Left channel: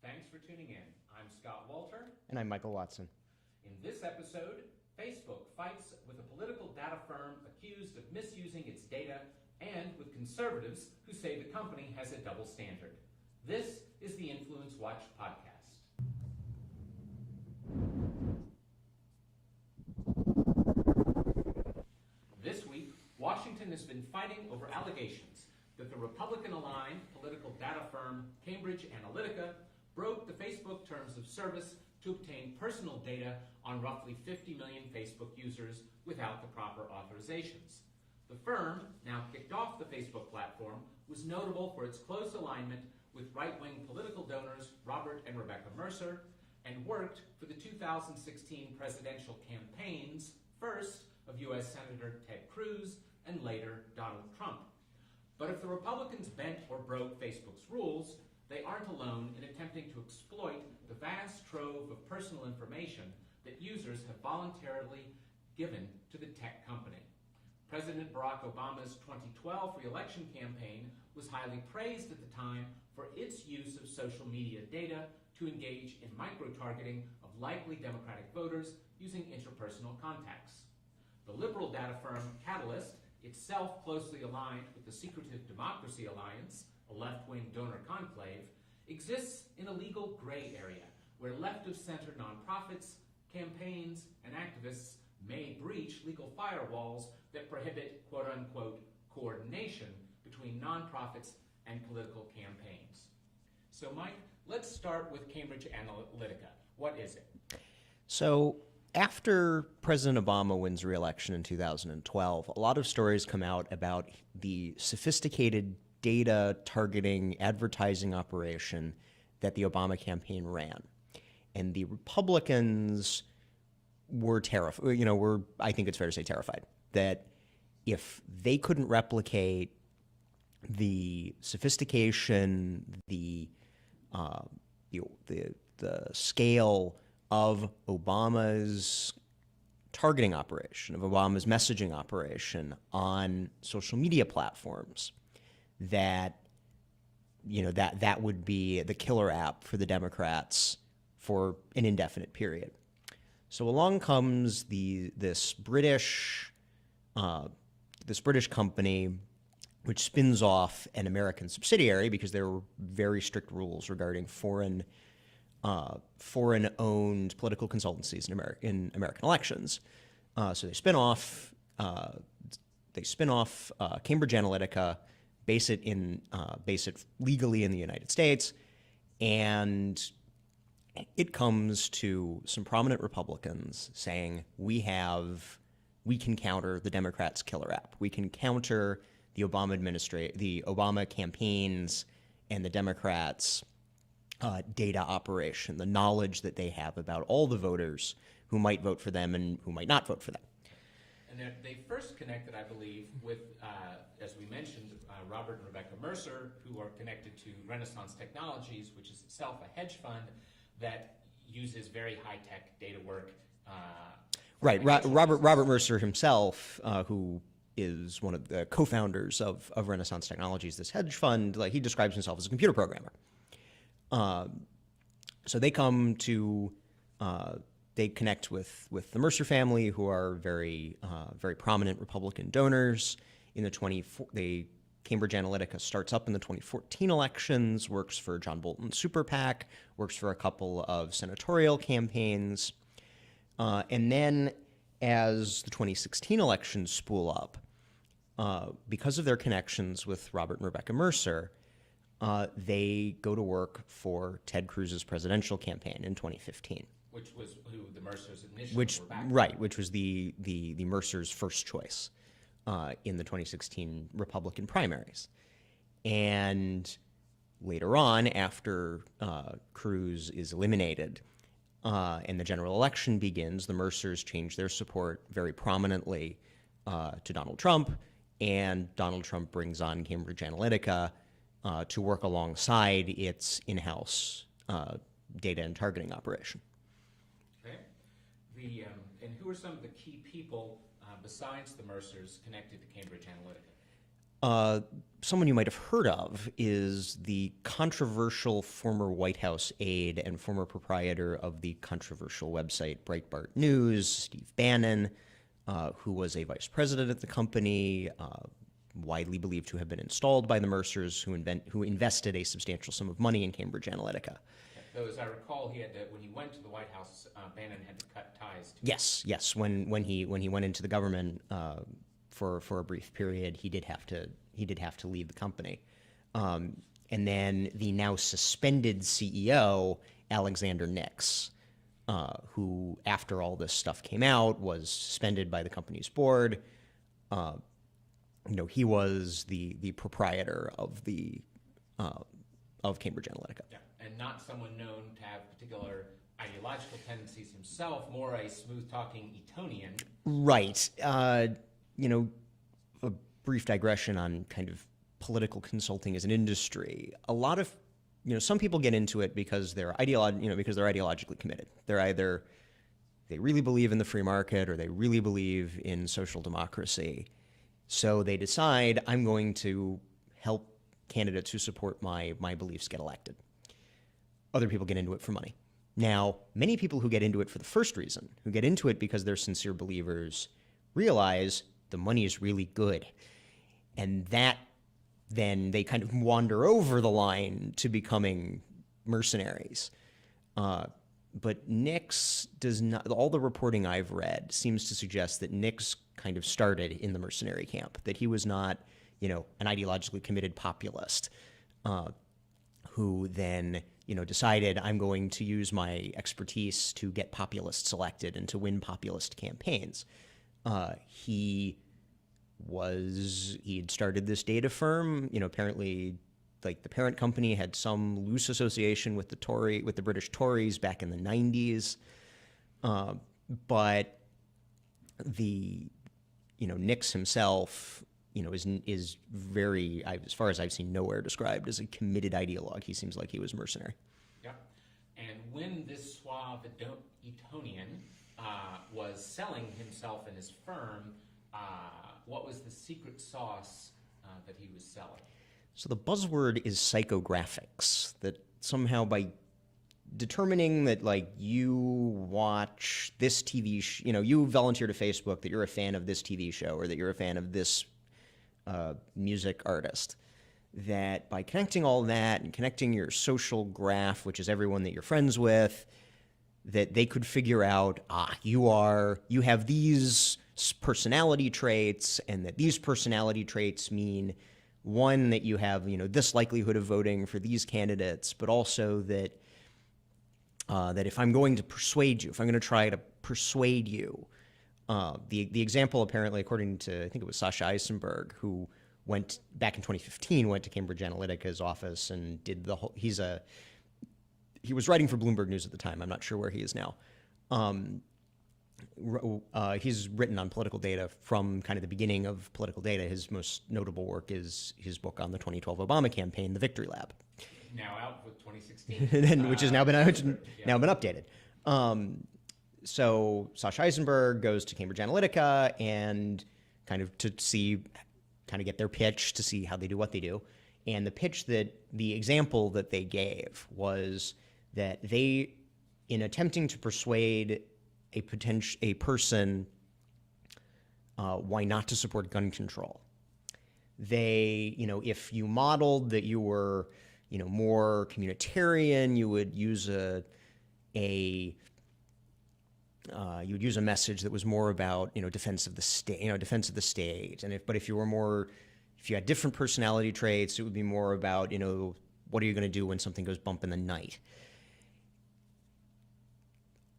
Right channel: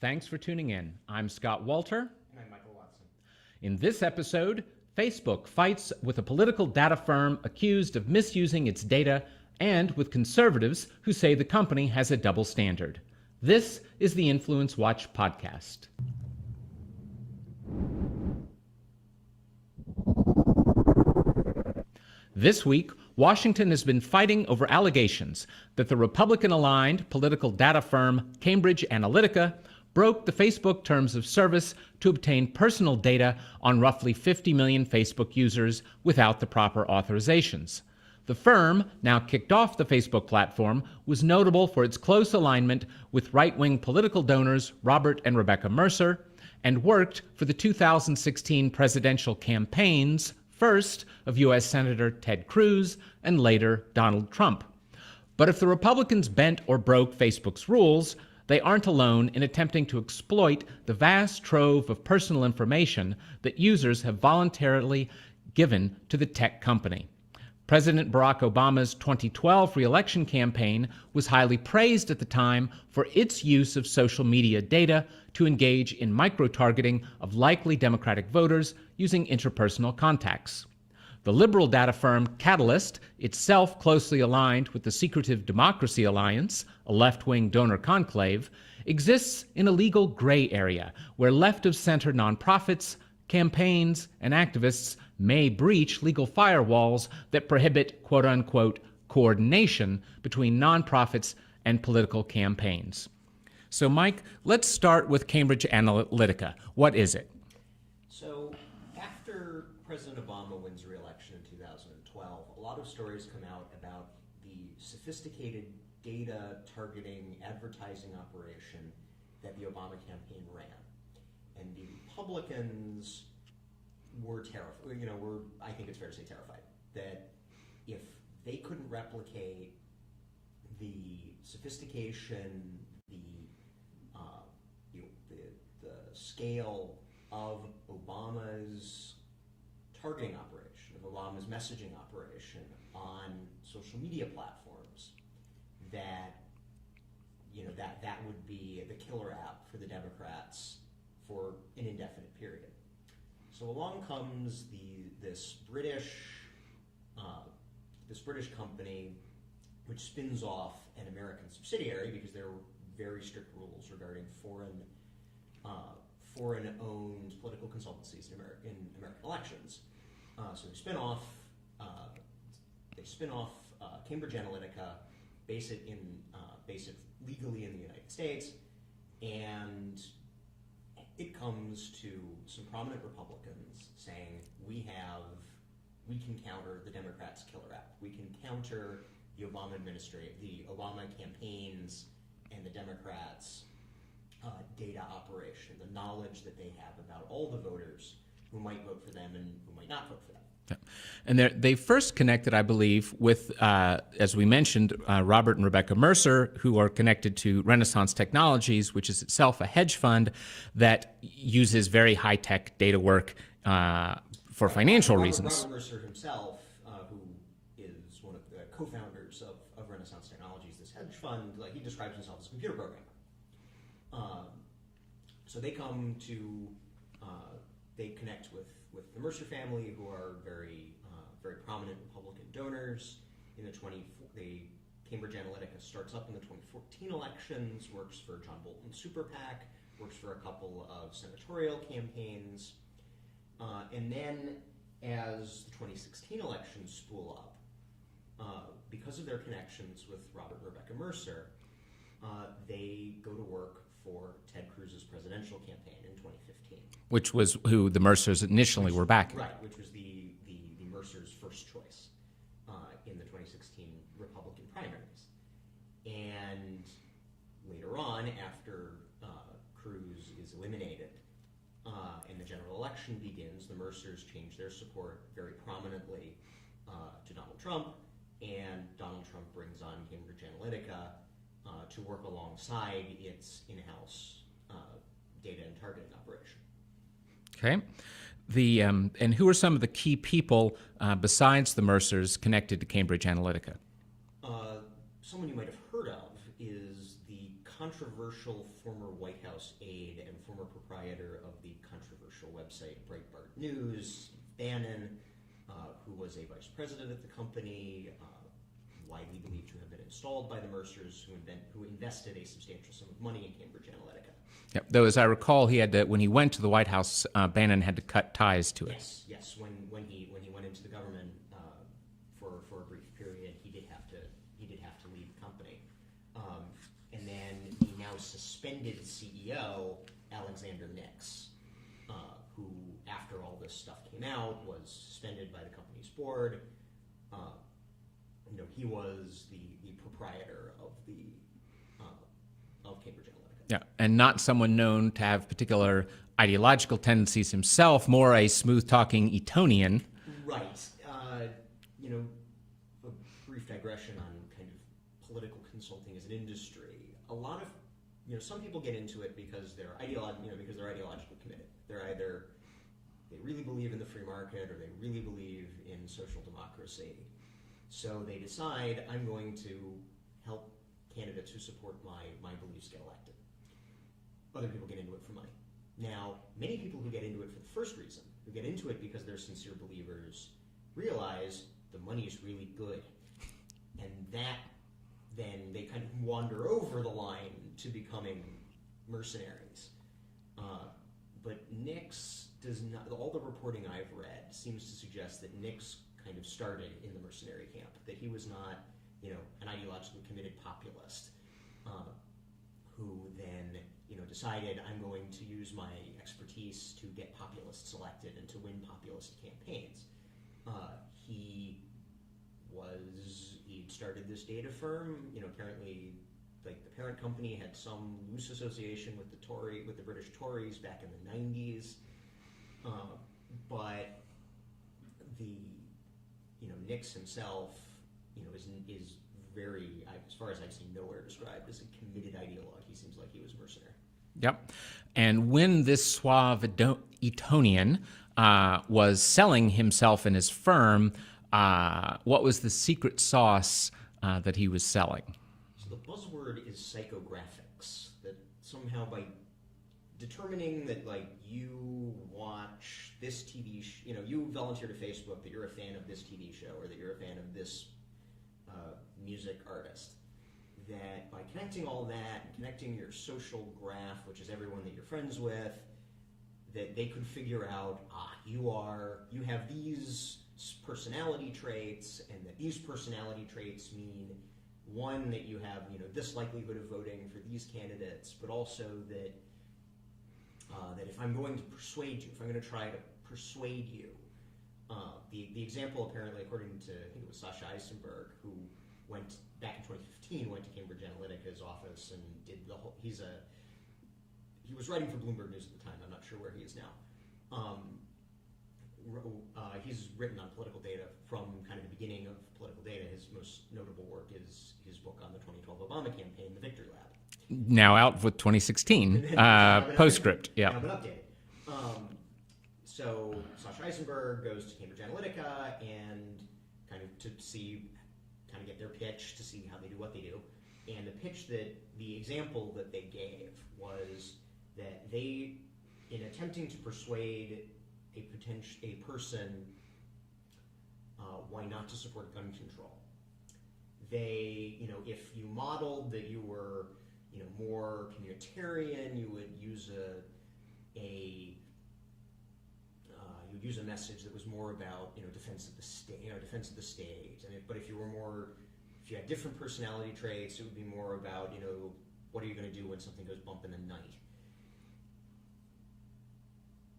Thanks for tuning in. I'm Scott Walter. And I'm Michael Watson. In this episode, Facebook fights with a political data firm accused of misusing its data and with conservatives who say the company has a double standard. This is the InfluenceWatch podcast. This week, Washington has been fighting over allegations that the Republican-aligned political data firm Cambridge Analytica broke the Facebook terms of service to obtain personal data on roughly 50 million Facebook users without the proper authorizations. The firm, now kicked off the Facebook platform, was notable for its close alignment with right-wing political donors Robert and Rebecca Mercer, and worked for the 2016 presidential campaigns, first of U.S. Senator Ted Cruz and later Donald Trump. But if the Republicans bent or broke Facebook's rules, they aren't alone in attempting to exploit the vast trove of personal information that users have voluntarily given to the tech company. President Barack Obama's 2012 re-election campaign was highly praised at the time for its use of social media data to engage in micro-targeting of likely Democratic voters using interpersonal contacts. The liberal data firm Catalyst, itself closely aligned with the Secretive Democracy Alliance, a left-wing donor conclave, exists in a legal gray area where left-of-center nonprofits, campaigns, and activists may breach legal firewalls that prohibit quote-unquote coordination between nonprofits and political campaigns. So, Mike, let's start with Cambridge Analytica. What is it? So, after President Obama wins re-election in 2012, a lot of stories come out about the sophisticated data targeting advertising operation that the Obama campaign ran. And the Republicans were terrified, I think it's fair to say terrified, that if they couldn't replicate the sophistication, the scale of Obama's targeting operation, of Obama's messaging operation on social media platforms, that would be the killer app for the Democrats for an indefinite period. So along comes this British company, which spins off an American subsidiary because there were very strict rules regarding foreign-owned political consultancies in American elections. So they spin off Cambridge Analytica, base it legally in the United States, and it comes to some prominent Republicans saying, we can counter the Democrats' killer app. We can counter the Obama campaigns and the Democrats' data operation, the knowledge that they have about all the voters who might vote for them and who might not vote for them. Yeah. And they first connected, I believe, with, as we mentioned, Robert and Rebecca Mercer, who are connected to Renaissance Technologies, which is itself a hedge fund that uses very high-tech data work for financial reasons. Robert Mercer himself, who is one of the co-founders of Renaissance Technologies, this hedge fund, he describes himself as a computer programmer. So they come to, they connect with the Mercer family, who are very prominent Republican donors. Cambridge Analytica starts up in the 2014 elections, works for John Bolton's super PAC, works for a couple of senatorial campaigns. And then as the 2016 elections spool up, because of their connections with Robert and Rebecca Mercer, they go to work for Ted Cruz's presidential campaign in 2015. Which was who the Mercers initially were backing. Right, which was the Mercers' first choice in the 2016 Republican primaries. And later on, after Cruz is eliminated and the general election begins, the Mercers change their support very prominently to Donald Trump, and Donald Trump brings on Cambridge Analytica to work alongside its in-house data and targeting operation. Okay. And who are some of the key people besides the Mercers connected to Cambridge Analytica? someone you might have heard of is the controversial former White House aide and former proprietor of the controversial website Breitbart News, Steve Bannon, who was a vice president at the company, widely believed to have been installed by the Mercers, who invested a substantial sum of money in Cambridge Analytica. Yep. Though, as I recall, he had to, when he went to the White House, Bannon had to cut ties to it. Yes. When he went into the government for a brief period, he did have to leave the company. And then the now suspended CEO, Alexander Nix, who, after all this stuff came out, was suspended by the company's board. He was the proprietor of Cambridge Analytica. Yeah, and not someone known to have particular ideological tendencies himself, more a smooth-talking Etonian. Right. A brief digression on kind of political consulting as an industry. A lot of, some people get into it because they're ideologically committed. They really believe in the free market, or they really believe in social democracy. So they decide, I'm going to help candidates who support my beliefs get elected. Other people get into it for money. Now, many people who get into it for the first reason, who get into it because they're sincere believers, realize the money is really good. And that then they kind of wander over the line to becoming mercenaries. But Nix does not, all the reporting I've read seems to suggest that Nix kind of started in the mercenary camp, that he was not, an ideologically committed populist who then, decided I'm going to use my expertise to get populists elected and to win populist campaigns. He had started this data firm, apparently like the parent company had some loose association with the British Tories back in the 90s. But Nix himself, is very, as far as I've seen, nowhere described as a committed ideologue. He seems like he was mercenary. Yep. And when this suave Etonian was selling himself and his firm, what was the secret sauce that he was selling? So the buzzword is psychographics, that somehow by determining that, you watch this TV you volunteer to Facebook that you're a fan of this TV show, or that you're a fan of this music artist, that by connecting all that and connecting your social graph, which is everyone that you're friends with, that they could figure out, you have these personality traits, and that these personality traits mean, one, that you have, this likelihood of voting for these candidates, but also that that if I'm going to persuade you, if I'm going to try to persuade you, the example apparently, according to, I think it was Sasha Eisenberg, who went back in 2015, went to Cambridge Analytica's office and did the whole, he was writing for Bloomberg News at the time. I'm not sure where he is now. He's written on political data from kind of the beginning of political data. His most notable work is his book on the 2012 Obama campaign, The Victory Lab. Now out with 2016, which has now been postscript. Now been updated. So Sasha Eisenberg goes to Cambridge Analytica and kind of get their pitch to see how they do what they do. And the example that they gave was that they, in attempting to persuade a person why not to support gun control, they, if you modeled that you were, more communitarian, you would use a message that was more about, defense of the state, and if you had different personality traits, it would be more about, what are you going to do when something goes bump in the night.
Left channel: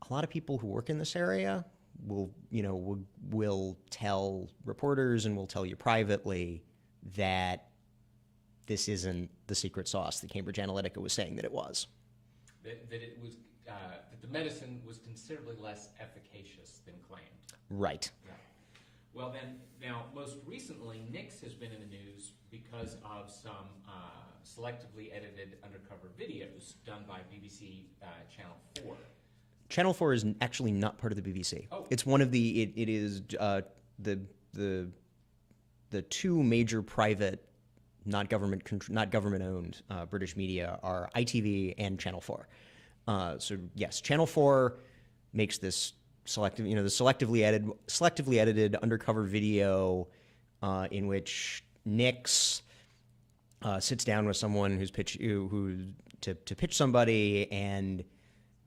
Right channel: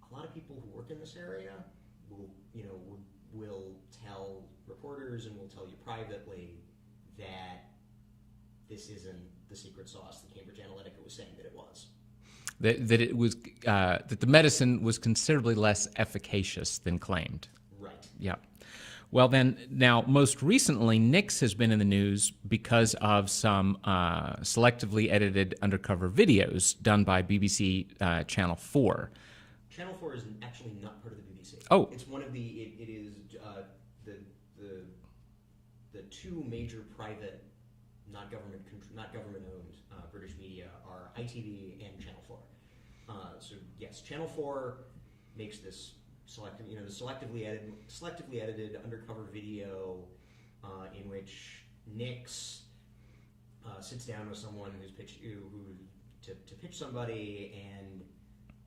A lot of people who work in this area will tell reporters and will tell you privately that this isn't the secret sauce that Cambridge Analytica was saying that it was. That it was that the medicine was considerably less efficacious than claimed. Right. Yeah. Well, then, now, most recently, Nix has been in the news because of some selectively edited undercover videos done by BBC Channel 4. Channel 4 is actually not part of the BBC. Oh. It's one of the, it is the two major private not government-owned British media are ITV and Channel 4. So yes, Channel 4 makes this selective, the selectively edited undercover video in which Nix sits down with someone to pitch somebody,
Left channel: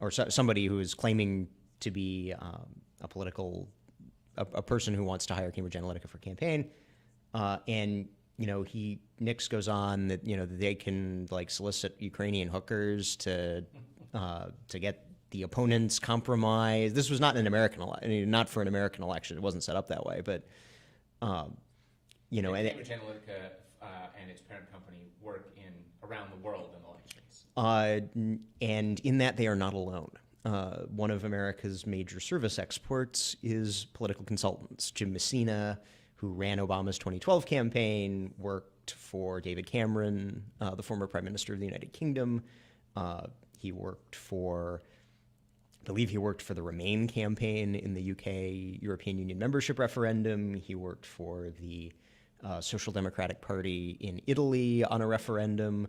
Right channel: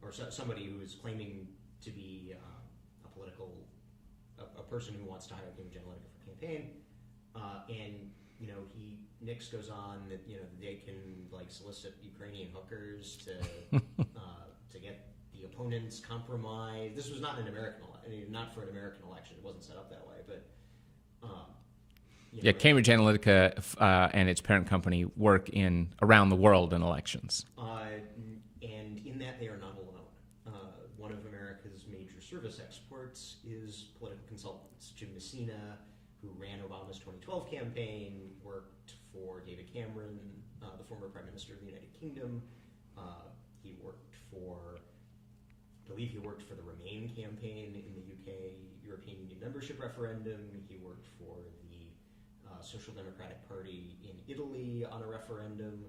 or somebody who is claiming to be a person who wants to hire Cambridge Analytica for a campaign, and Nix goes on that that they can solicit Ukrainian hookers to get the opponents compromised. This was not an not for an American election. It wasn't set up that way, but Cambridge Analytica and its parent company work around the world in elections. And in that, they are not alone. One of America's major service exports is political consultants. Jim Messina, who ran Obama's 2012 campaign, worked for David Cameron, the former Prime Minister of the United Kingdom. He worked for the Remain campaign in the UK European Union membership referendum. He worked for the Social Democratic Party in Italy on a referendum.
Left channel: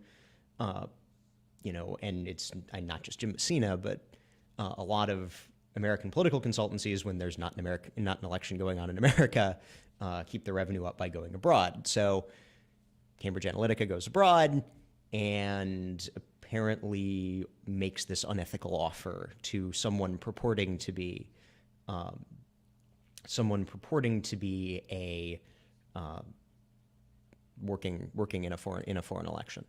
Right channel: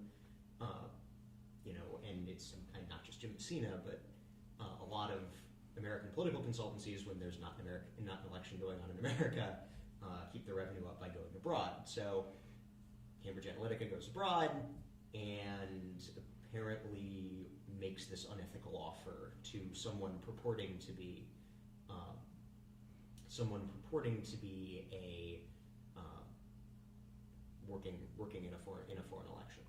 And it's not just Jim Messina, but a lot of American political consultancies, when there's not an election going on in America, keep their revenue up by going abroad. So Cambridge Analytica goes abroad and apparently makes this unethical offer to someone purporting to be a working in a foreign election.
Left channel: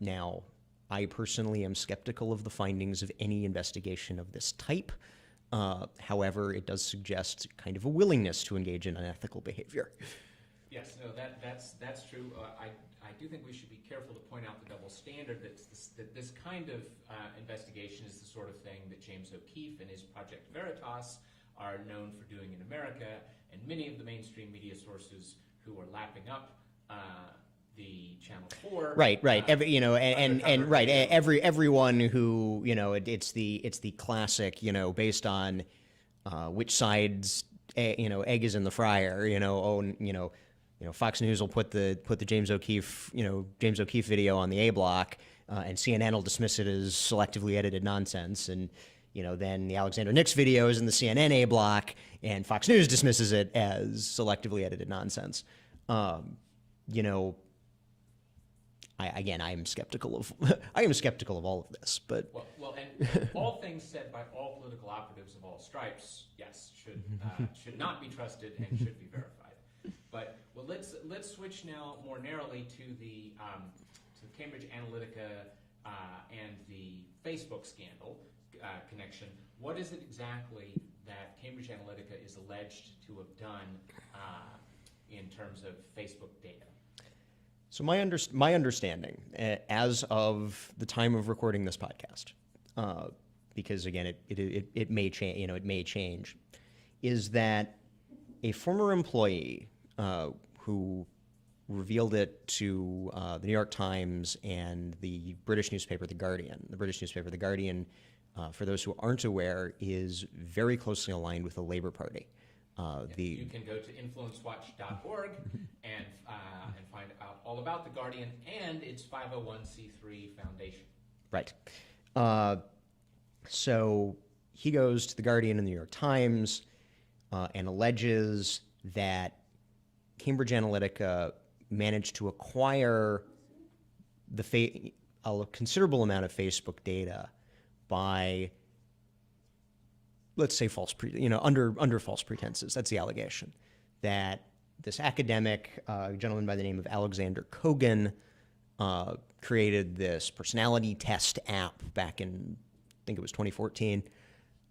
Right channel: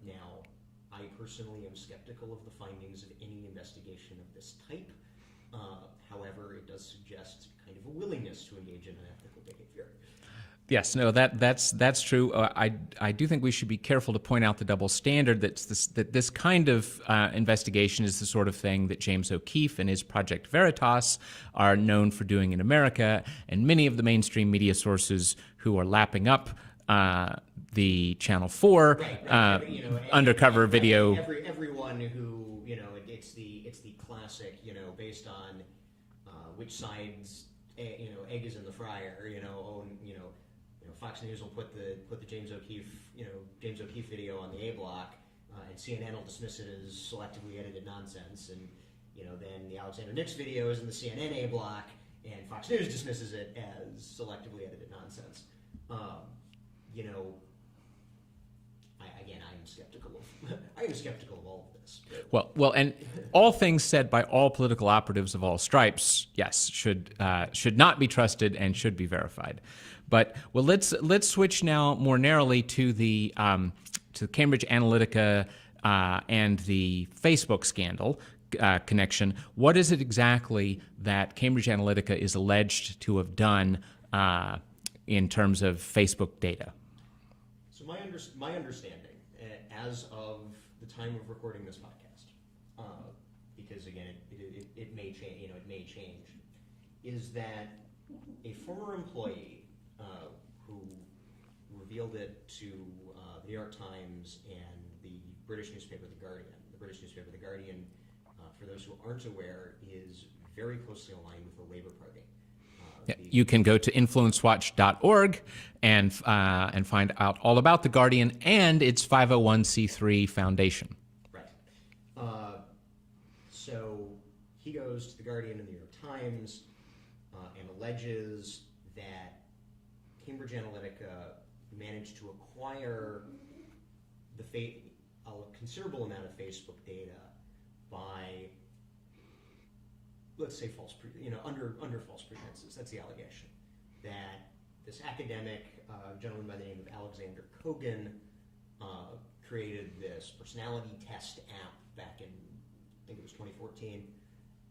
Now, I personally am skeptical of the findings of any investigation of this type. However, it does suggest kind of a willingness to engage in unethical behavior. Yes, no, that's true. I do think we should be careful to point out the double standard that this kind of investigation is the sort of thing that James O'Keefe and his Project Veritas are known for doing in America, and many of the mainstream media sources who are lapping up the Channel 4 undercover video. Everyone who it's the classic based on which side's egg is in the fryer. Fox News will put the James O'Keefe video on the A block, and CNN will dismiss it as selectively edited nonsense, and then the Alexander Nix video is in the CNN A block, and Fox News dismisses it as selectively edited nonsense. I am skeptical of all of this, but well, and all things said by all political operatives of all stripes, yes, should not be trusted and should be verified. But let's switch now more narrowly to the Cambridge Analytica and the Facebook scandal connection. What is it exactly that Cambridge Analytica is alleged to have done in terms of Facebook data? So my understanding, as of the time of recording this podcast, because again it may change, it may change, is that a former employee who revealed it to the New York Times and the British newspaper The Guardian. The British newspaper The Guardian, for those who aren't aware, is very closely aligned with the Labour Party. You can go to InfluenceWatch.org and find out all about The Guardian and its 501c3 foundation. Right. So he goes to The Guardian and The New York Times and alleges that Cambridge Analytica managed to acquire a considerable amount of Facebook data by, let's say, under false pretenses. That's the allegation. That this academic gentleman by the name of Alexander Kogan created this personality test app back in, I think it was 2014,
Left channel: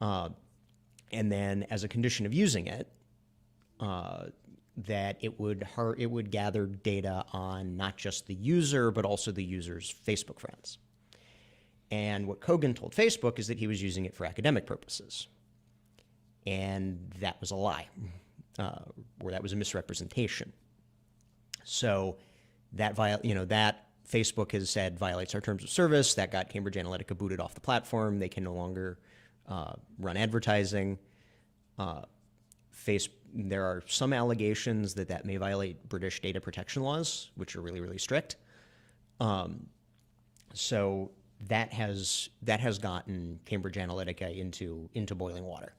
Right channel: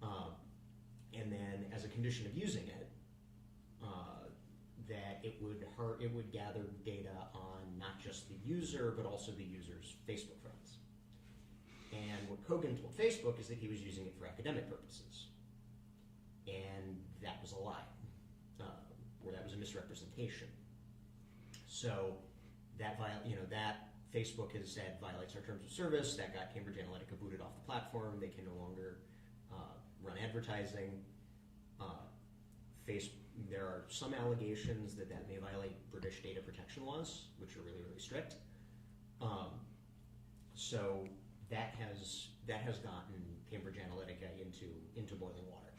and then as a condition of using it, that it would gather data on not just the user but also the user's Facebook friends. And what Kogan told Facebook is that he was using it for academic purposes. And that was a lie, or that was a misrepresentation. So that Facebook has said violates our terms of service. That got Cambridge Analytica booted off the platform. They can no longer run advertising. There are some allegations that may violate British data protection laws, which are really, really strict. So that has gotten Cambridge Analytica into boiling water.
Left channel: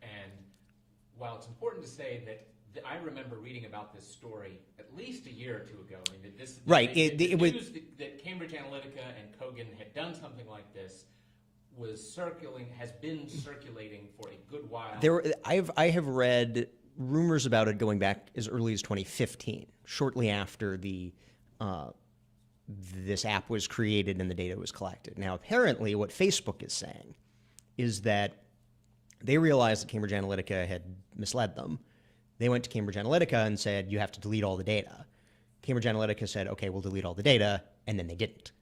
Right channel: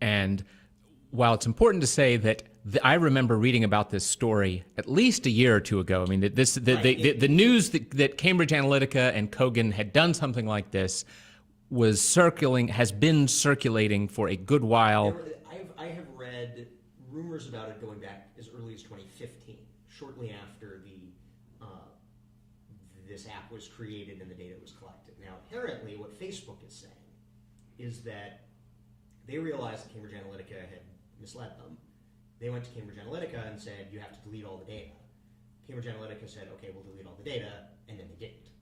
And while it's important to say that I remember reading about this story at least a year or two ago. I mean, the news that Cambridge Analytica and Kogan had done something like this has been circulating for a good while. I have read rumors about it going back as early as 2015, shortly after this app was created and the data was collected. Now, apparently, what Facebook is saying is that they realized that Cambridge Analytica had misled them. They went to Cambridge Analytica and said, you have to delete all the data. Cambridge Analytica said, okay, we'll delete all the data, and then they didn't.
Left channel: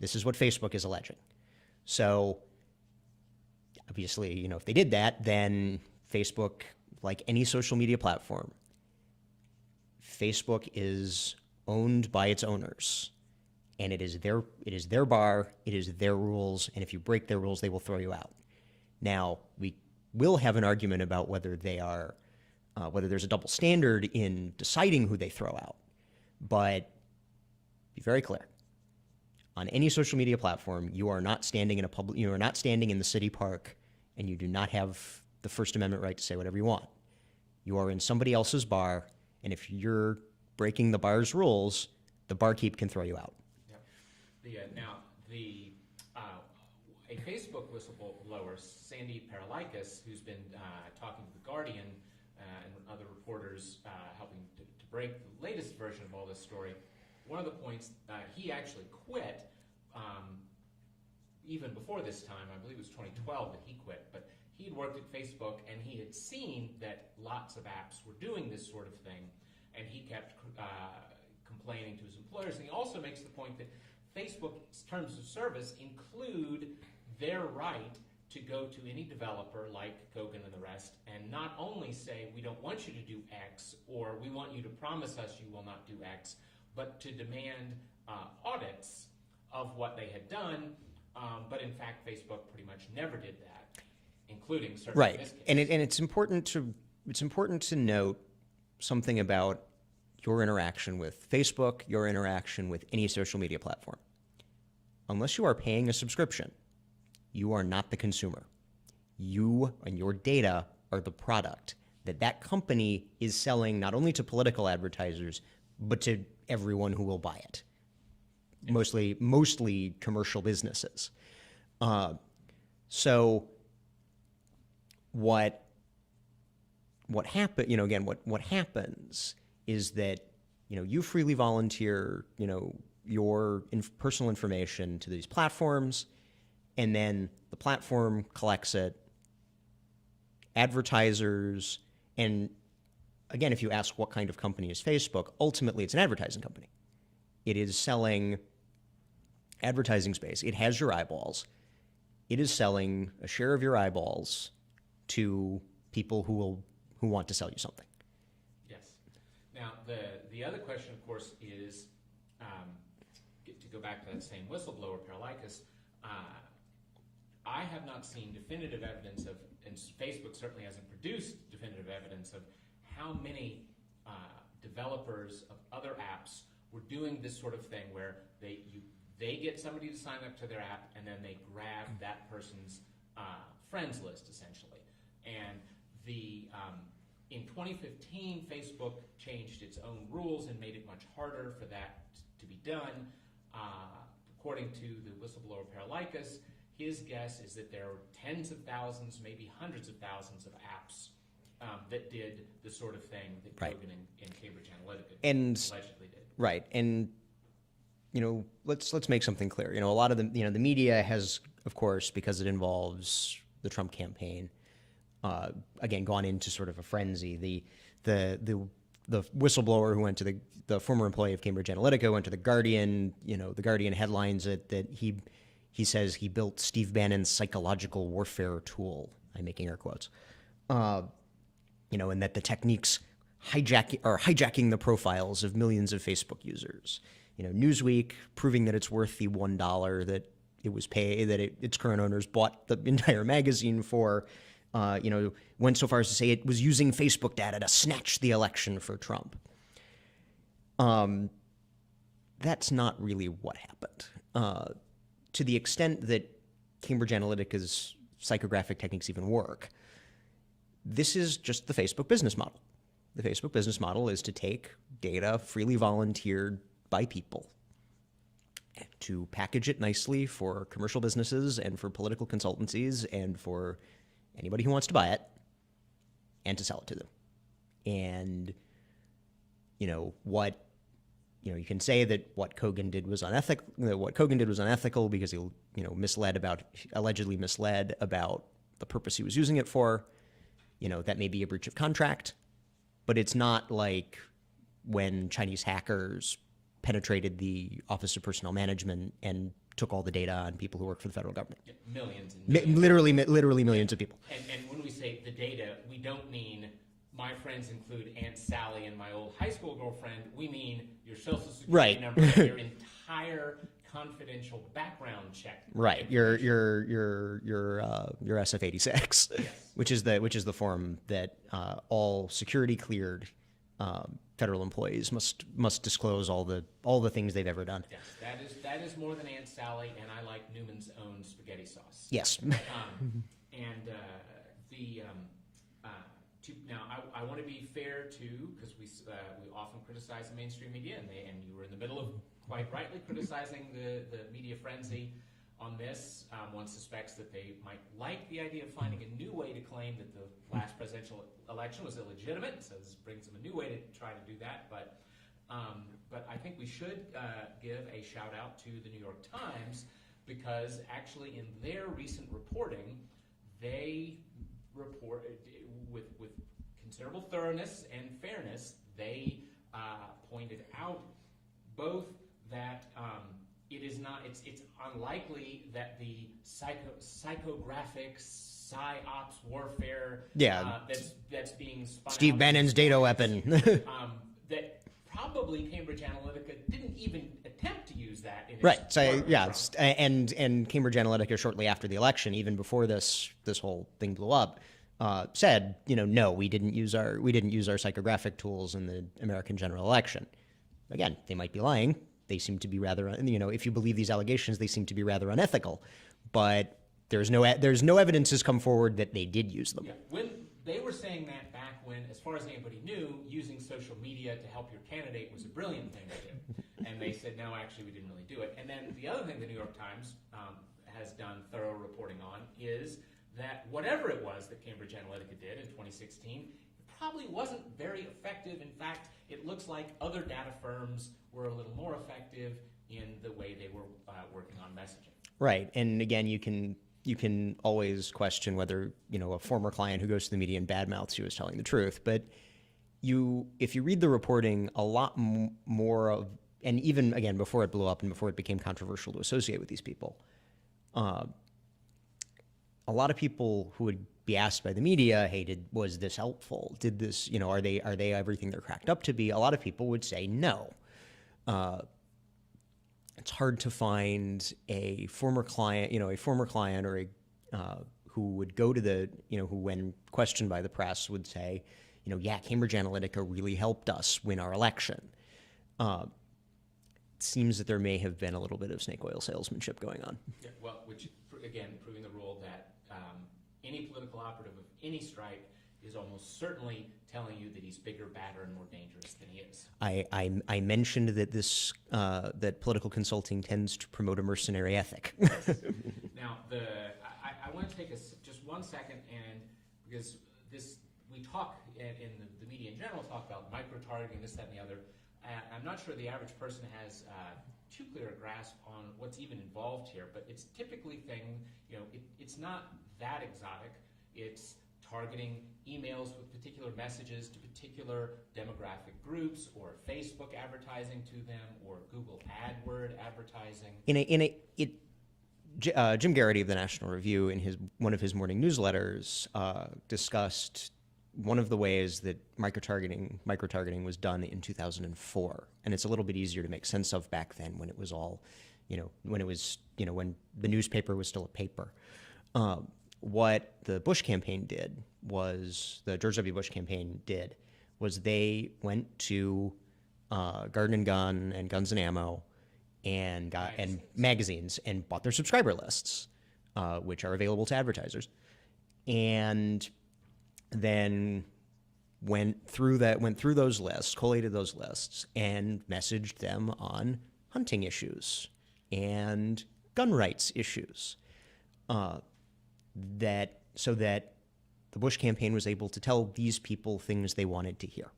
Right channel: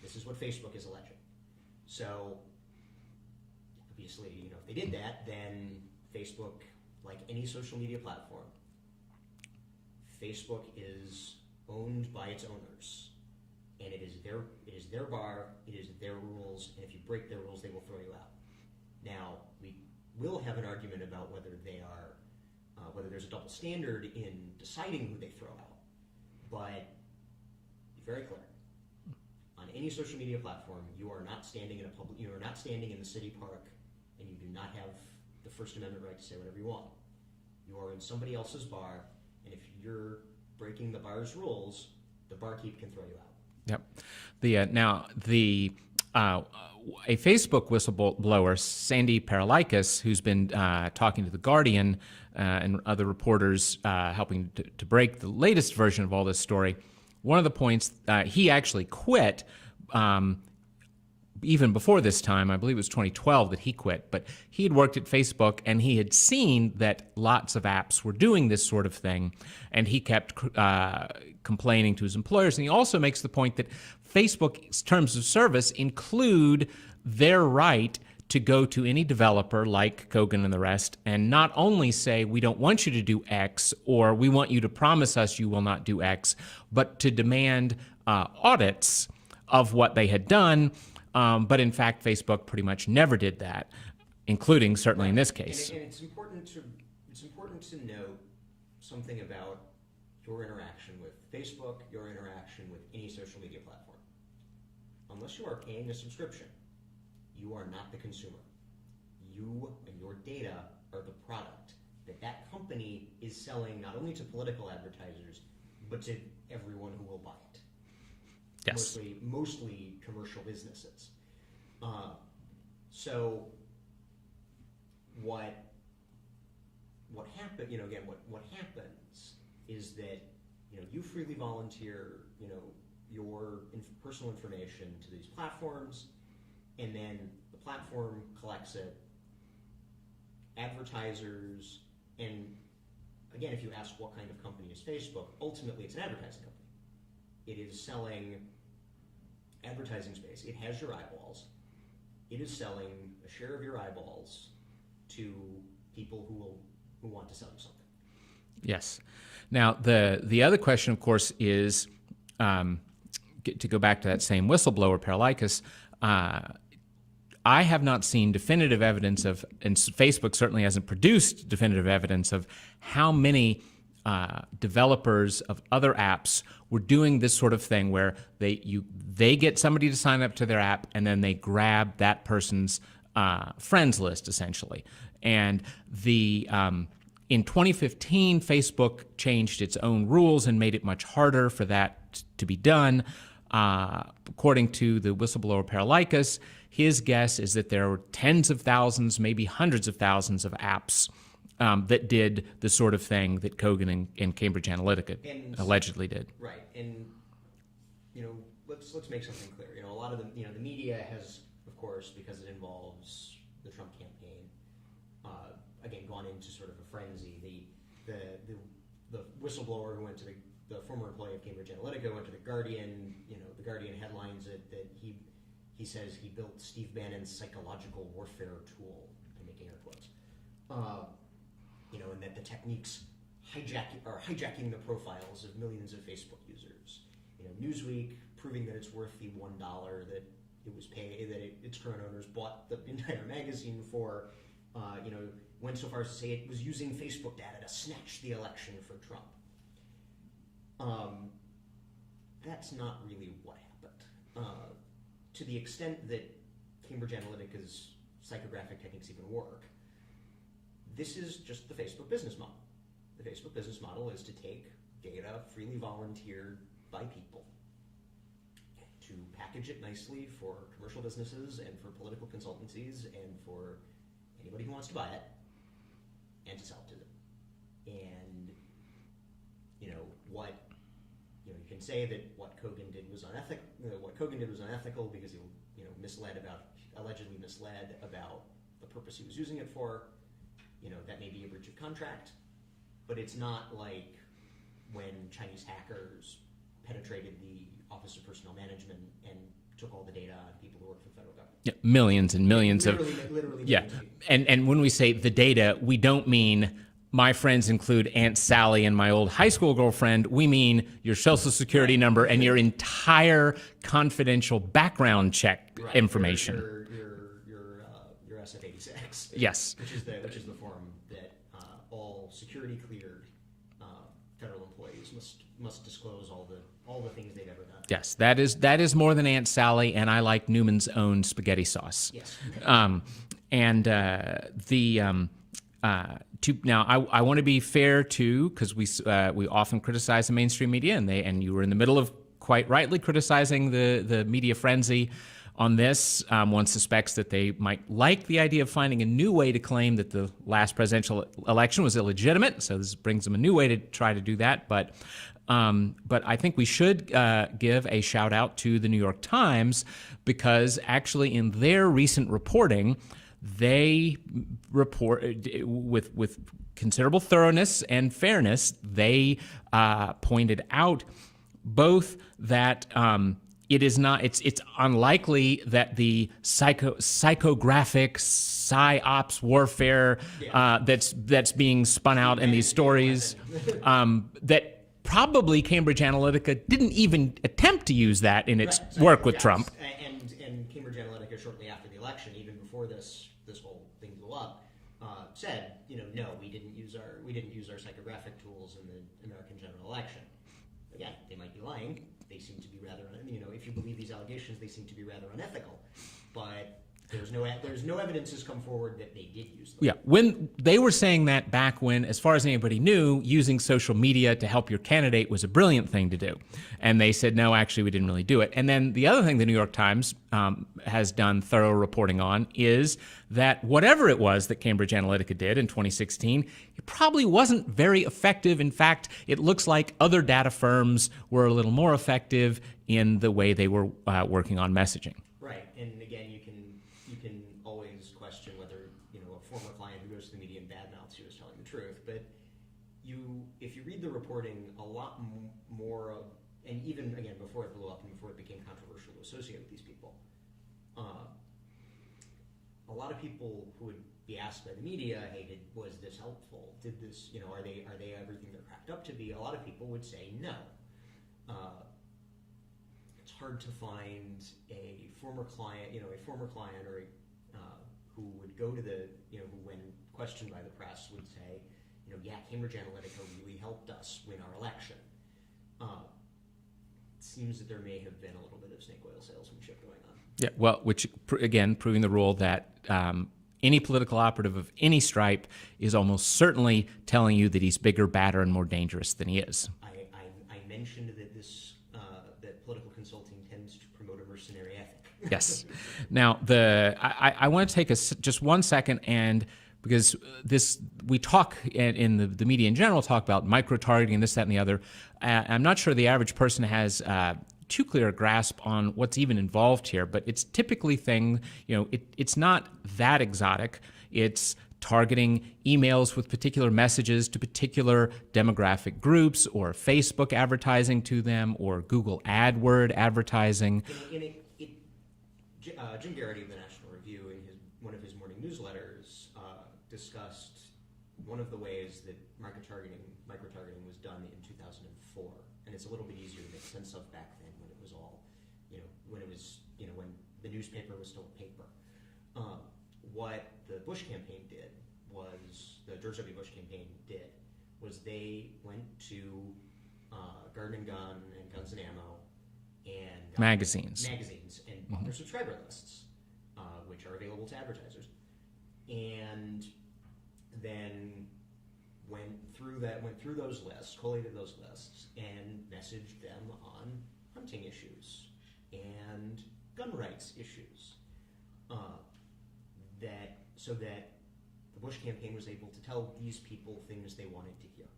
This is what Facebook is alleging. So, obviously, if they did that, then Facebook, like any social media platform, Facebook is owned by its owners. And it is their bar, it is their rules, and if you break their rules, they will throw you out. Now, we will have an argument about whether there's a double standard in deciding who they throw out. But be very clear. On any social media platform, you are not standing in the city park, and you do not have the First Amendment right to say whatever you want. You are in somebody else's bar, and if you're breaking the bar's rules, the barkeep can throw you out. Yep. A Facebook whistleblower, Sandy Paralykis, who's been talking to The Guardian and other reporters helping to break the latest version of all this story, one of the points, he actually quit even before this time. I believe it was 2012 that he quit, but he had worked at Facebook and he had seen that lots of apps were doing this sort of thing, and he kept complaining to his employers. And he also makes the point that Facebook's terms of service include their right to go to any developer like Kogan and the rest and not only say, we don't want you to do X, or we want you to promise us you will not do X, but to demand audits of what they had done. But in fact, Facebook pretty much never did that, including certainly in this case. And it's important to note something about your interaction with Facebook, your interaction with any social media platform. Unless you are paying a subscription, you are not the consumer. You and your data are the product that company is selling not only to political advertisers, but to everyone who will buy it. Yes. Mostly commercial businesses. So what happen? What happens is that you freely volunteer your personal information to these platforms, and then the platform collects it. Advertisers, and again, if you ask what kind of company is Facebook, ultimately it's an advertising company. It is selling advertising space. It has your eyeballs. It is selling a share of your eyeballs to people who want to sell you something. Yes. Now, the other question, of course, is to go back to that same whistleblower, Paralykis. I have not seen definitive evidence of, and Facebook certainly hasn't produced definitive evidence of how many developers of other apps were doing this sort of thing where they get somebody to sign up to their app and then they grab that person's friends list, essentially. And in 2015, Facebook changed its own rules and made it much harder for that to be done. According to the whistleblower Paralykis, his guess is that there were tens of thousands, maybe hundreds of thousands of apps that did the sort of thing that Kogan and Cambridge Analytica allegedly did. Right, and let's make something clear. A lot of the media has, of course, because it involves the Trump campaign, again gone into sort of a frenzy. The whistleblower who went to the former employee of Cambridge Analytica went to the Guardian. The Guardian headlines it that he says he built Steve Bannon's psychological warfare tool. I'm making air quotes. And that the techniques are hijacking the profiles of millions of Facebook users. Newsweek proving that it's worth the $1 that it was paid, that its current owners bought the entire magazine for. went so far as to say it was using Facebook data to snatch the election for Trump. That's not really what happened. To the extent that Cambridge Analytica's psychographic techniques even work, this is just the Facebook business model. The Facebook business model is to take data freely volunteered by people, to package it nicely for commercial businesses and for political consultancies and for anybody who wants to buy it, and to sell it to them. And you can say that what Kogan did was unethical because he allegedly misled about the purpose he was using it for. That may be a breach of contract, but it's not like when Chinese hackers penetrated the Office of Personnel Management and took all the data on people who work for the federal government. Yeah, millions and millions. Literally millions of people. And when we say the data, we don't mean my friends include Aunt Sally and my old high school girlfriend. We mean your social security number and your entire confidential background check information. Your SF-86. Yes. Which is the form that all security cleared federal employees must disclose all the things they've ever done. Yes, that is more than Aunt Sally, and I like Newman's own spaghetti sauce. Yes. Now, I want to be fair too, because we often criticize the mainstream media, and you were in the middle of quite rightly criticizing the media frenzy on this. One suspects that they might like the idea of finding a new way to claim that the last presidential election was illegitimate. So this brings them a new way to try to do that. But I think we should give a shout out to the New York Times, because actually in their recent reporting, they report with considerable thoroughness and fairness. They pointed out both that it's unlikely that the psychographic psyops warfare that's being spun Steve out in these stories that probably Cambridge Analytica didn't even attempt to use that in its work with Trump. And Cambridge Analytica, shortly after the election, even before this whole thing blew up, said, no, we didn't use our psychographic tools in the American general election. Again, they might be lying. They seem to be rather, if you believe these allegations, they seem to be rather unethical. But there's no evidence has come forward that they did use them. Yeah, when they were saying that back when, as far as anybody knew, using social media to help your candidate was a brilliant thing to do. And they said, no, actually, we didn't really do it. And then the other thing the New York Times has done thorough reporting on is that whatever it was that Cambridge Analytica did in 2016, it probably wasn't very effective. In fact, it looks like other data firms were a little more effective in the way they were working on messaging. Right. And again, you can always question whether, a former client who goes to the media and badmouths you is telling the truth. But if you read the reporting, a lot more of, and even, again, before it blew up and before it became controversial to associate with these people, a lot of people who would be asked by the media, hey, was this helpful? Did this, are they everything they're cracked up to be? A lot of people would say no. It's hard to find a former client or who would go to who, when questioned by the press, would say, yeah, Cambridge Analytica really helped us win our election. It seems that there may have been a little bit of snake oil salesmanship going on. Yeah, well, which, again, proving the rule that any political operative of any stripe is almost certainly telling you that he's bigger, badder, and more dangerous than he is. I mentioned that that political consulting tends to promote a mercenary ethic. Yes. Now, I want to take just 1 second, and because we talk in the media in general talk about micro-targeting and this, that, and the other. I'm not sure the average person has too clear a grasp on what's even involved here, but it's typically it's not that exotic. It's targeting emails with particular messages to particular demographic groups, or Facebook advertising to them, or Google AdWord advertising. Jim Garrity of the National Review, in one of his morning newsletters, discussed one of the ways that micro-targeting was done in 2004, and it's a little bit easier to make sense of back then, when it was all, when the newspaper was still a paper. what the Bush campaign did was, the George W. Bush campaign did, was they went to Garden and Gun and Guns and Ammo and got magazines and bought their subscriber lists, which are available to advertisers, and then went through those lists, collated those lists, and messaged them on hunting issues and gun rights issues, so that the Bush campaign was able to tell these people things they wanted to hear.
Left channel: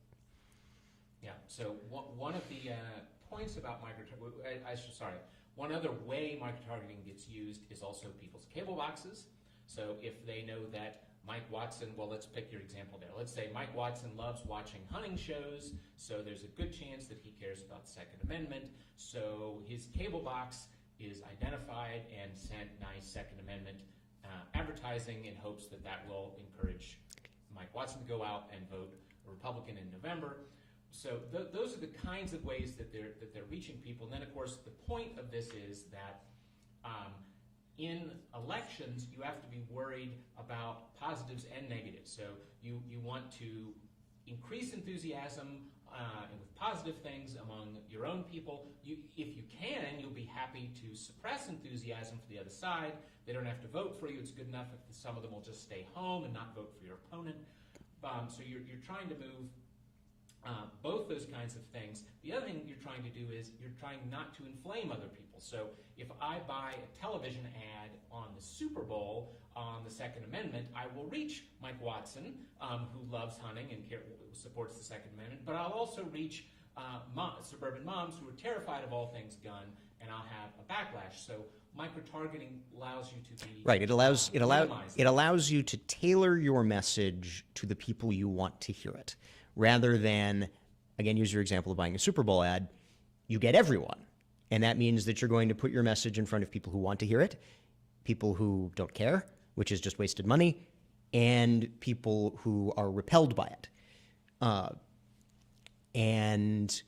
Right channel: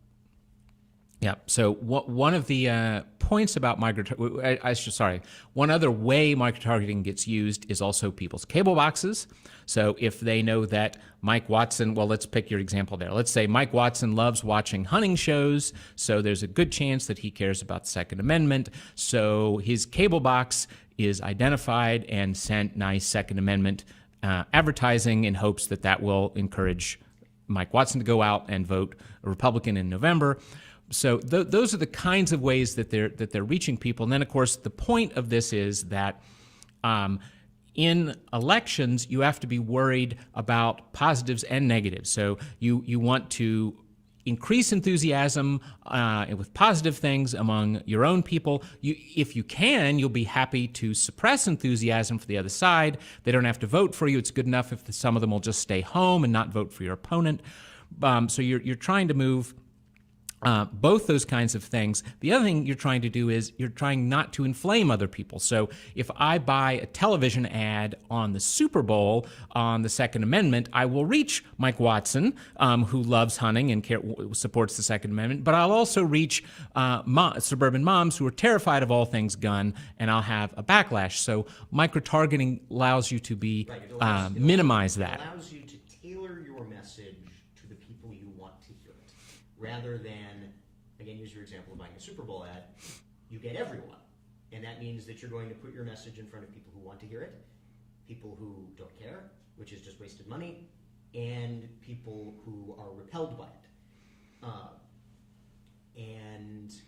Yeah. So one of the points about one other way microtargeting gets used is also people's cable boxes. So if they know that Mike Watson, well, let's pick your example there. Let's say Mike Watson loves watching hunting shows, so there's a good chance that he cares about the Second Amendment. So his cable box is identified and sent nice Second Amendment advertising in hopes that that will encourage Mike Watson to go out and vote a Republican in November. So those are the kinds of ways that they're reaching people. And then, of course, the point of this is that in elections, you have to be worried about positives and negatives. So you want to increase enthusiasm with positive things among your own people. If you can, you'll be happy to suppress enthusiasm for the other side. They don't have to vote for you. It's good enough if some of them will just stay home and not vote for your opponent. So you're trying to move both those kinds of things. The other thing you're trying to do is you're trying not to inflame other people. So if I buy a television ad on the Super Bowl on the Second Amendment, I will reach Mike Watson, who loves hunting and supports the Second Amendment, but I'll also reach suburban moms who are terrified of all things gun, and I'll have a backlash. So micro-targeting allows you to be right. minimize that. It allows you to tailor your message to the people you want to hear it. Rather than, again, use your example of buying a Super Bowl ad, you get everyone. And that means that you're going to put your message in front of people who want to hear it, people who don't care, which is just wasted money, and people who are repelled by it. And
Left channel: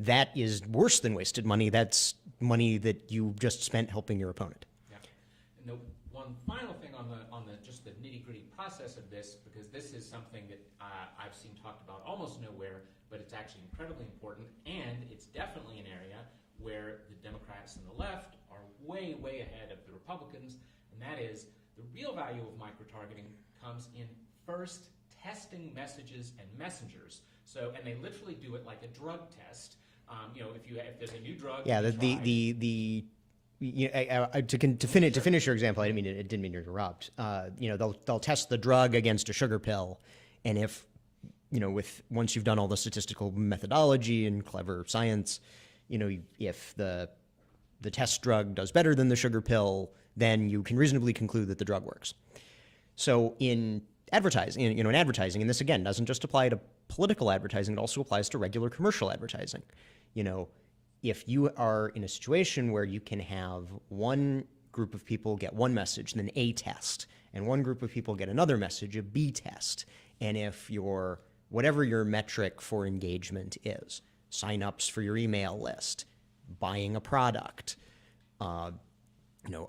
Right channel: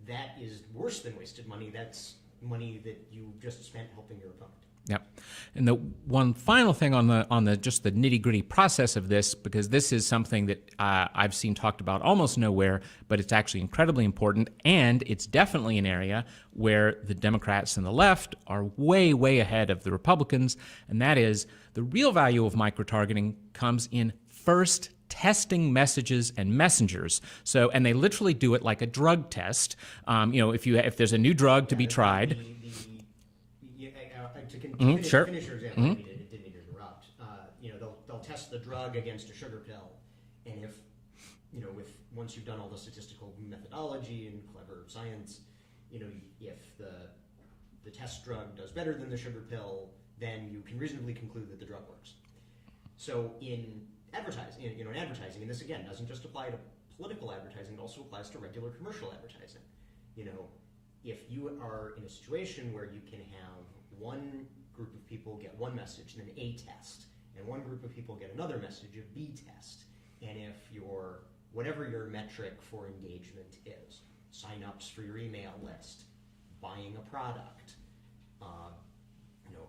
that is worse than wasted money. That's money that you just spent helping your opponent. Yeah. And the one final thing on the just the nitty-gritty process of this, because this is something that I've seen talked about almost nowhere, but it's actually incredibly important, and it's definitely an area where the Democrats and the left are way, way ahead of the Republicans, and that is the real value of micro-targeting comes in first testing messages and messengers. So, and they literally do it like a drug test. If there's a new drug to be tried. To finish your example, I didn't mean to interrupt. They'll test the drug against a sugar pill, and if once you've done all the statistical methodology and clever science, if the test drug does better than the sugar pill, then you can reasonably conclude that the drug works. So in advertising, and this again doesn't just apply to political advertising; it also applies to regular commercial advertising. If you are in a situation where you can have one group of people get one message, then A test, and one group of people get another message, a B test, and if whatever your metric for engagement is, sign-ups for your email list, buying a product,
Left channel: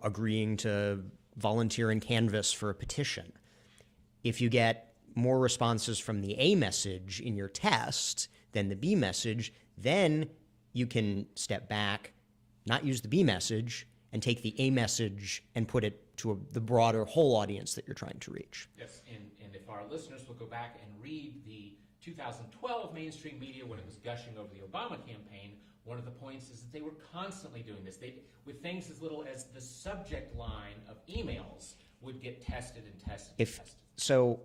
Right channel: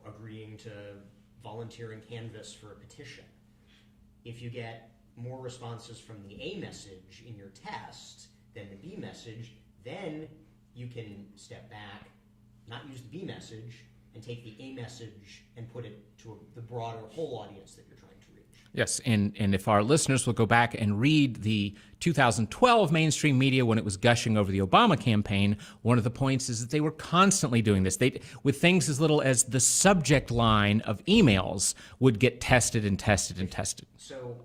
agreeing to volunteer and canvass for a petition, if you get more responses from the A message in your test than the B message, then you can step back, not use the B message, and take the A message and put it to the broader whole audience that you're trying to reach. Yes, and if our listeners will go back and read the 2012 mainstream media when it was gushing over the Obama campaign, one of the points is that they were constantly doing this. With things as little as the subject line of emails would get tested and tested and tested. So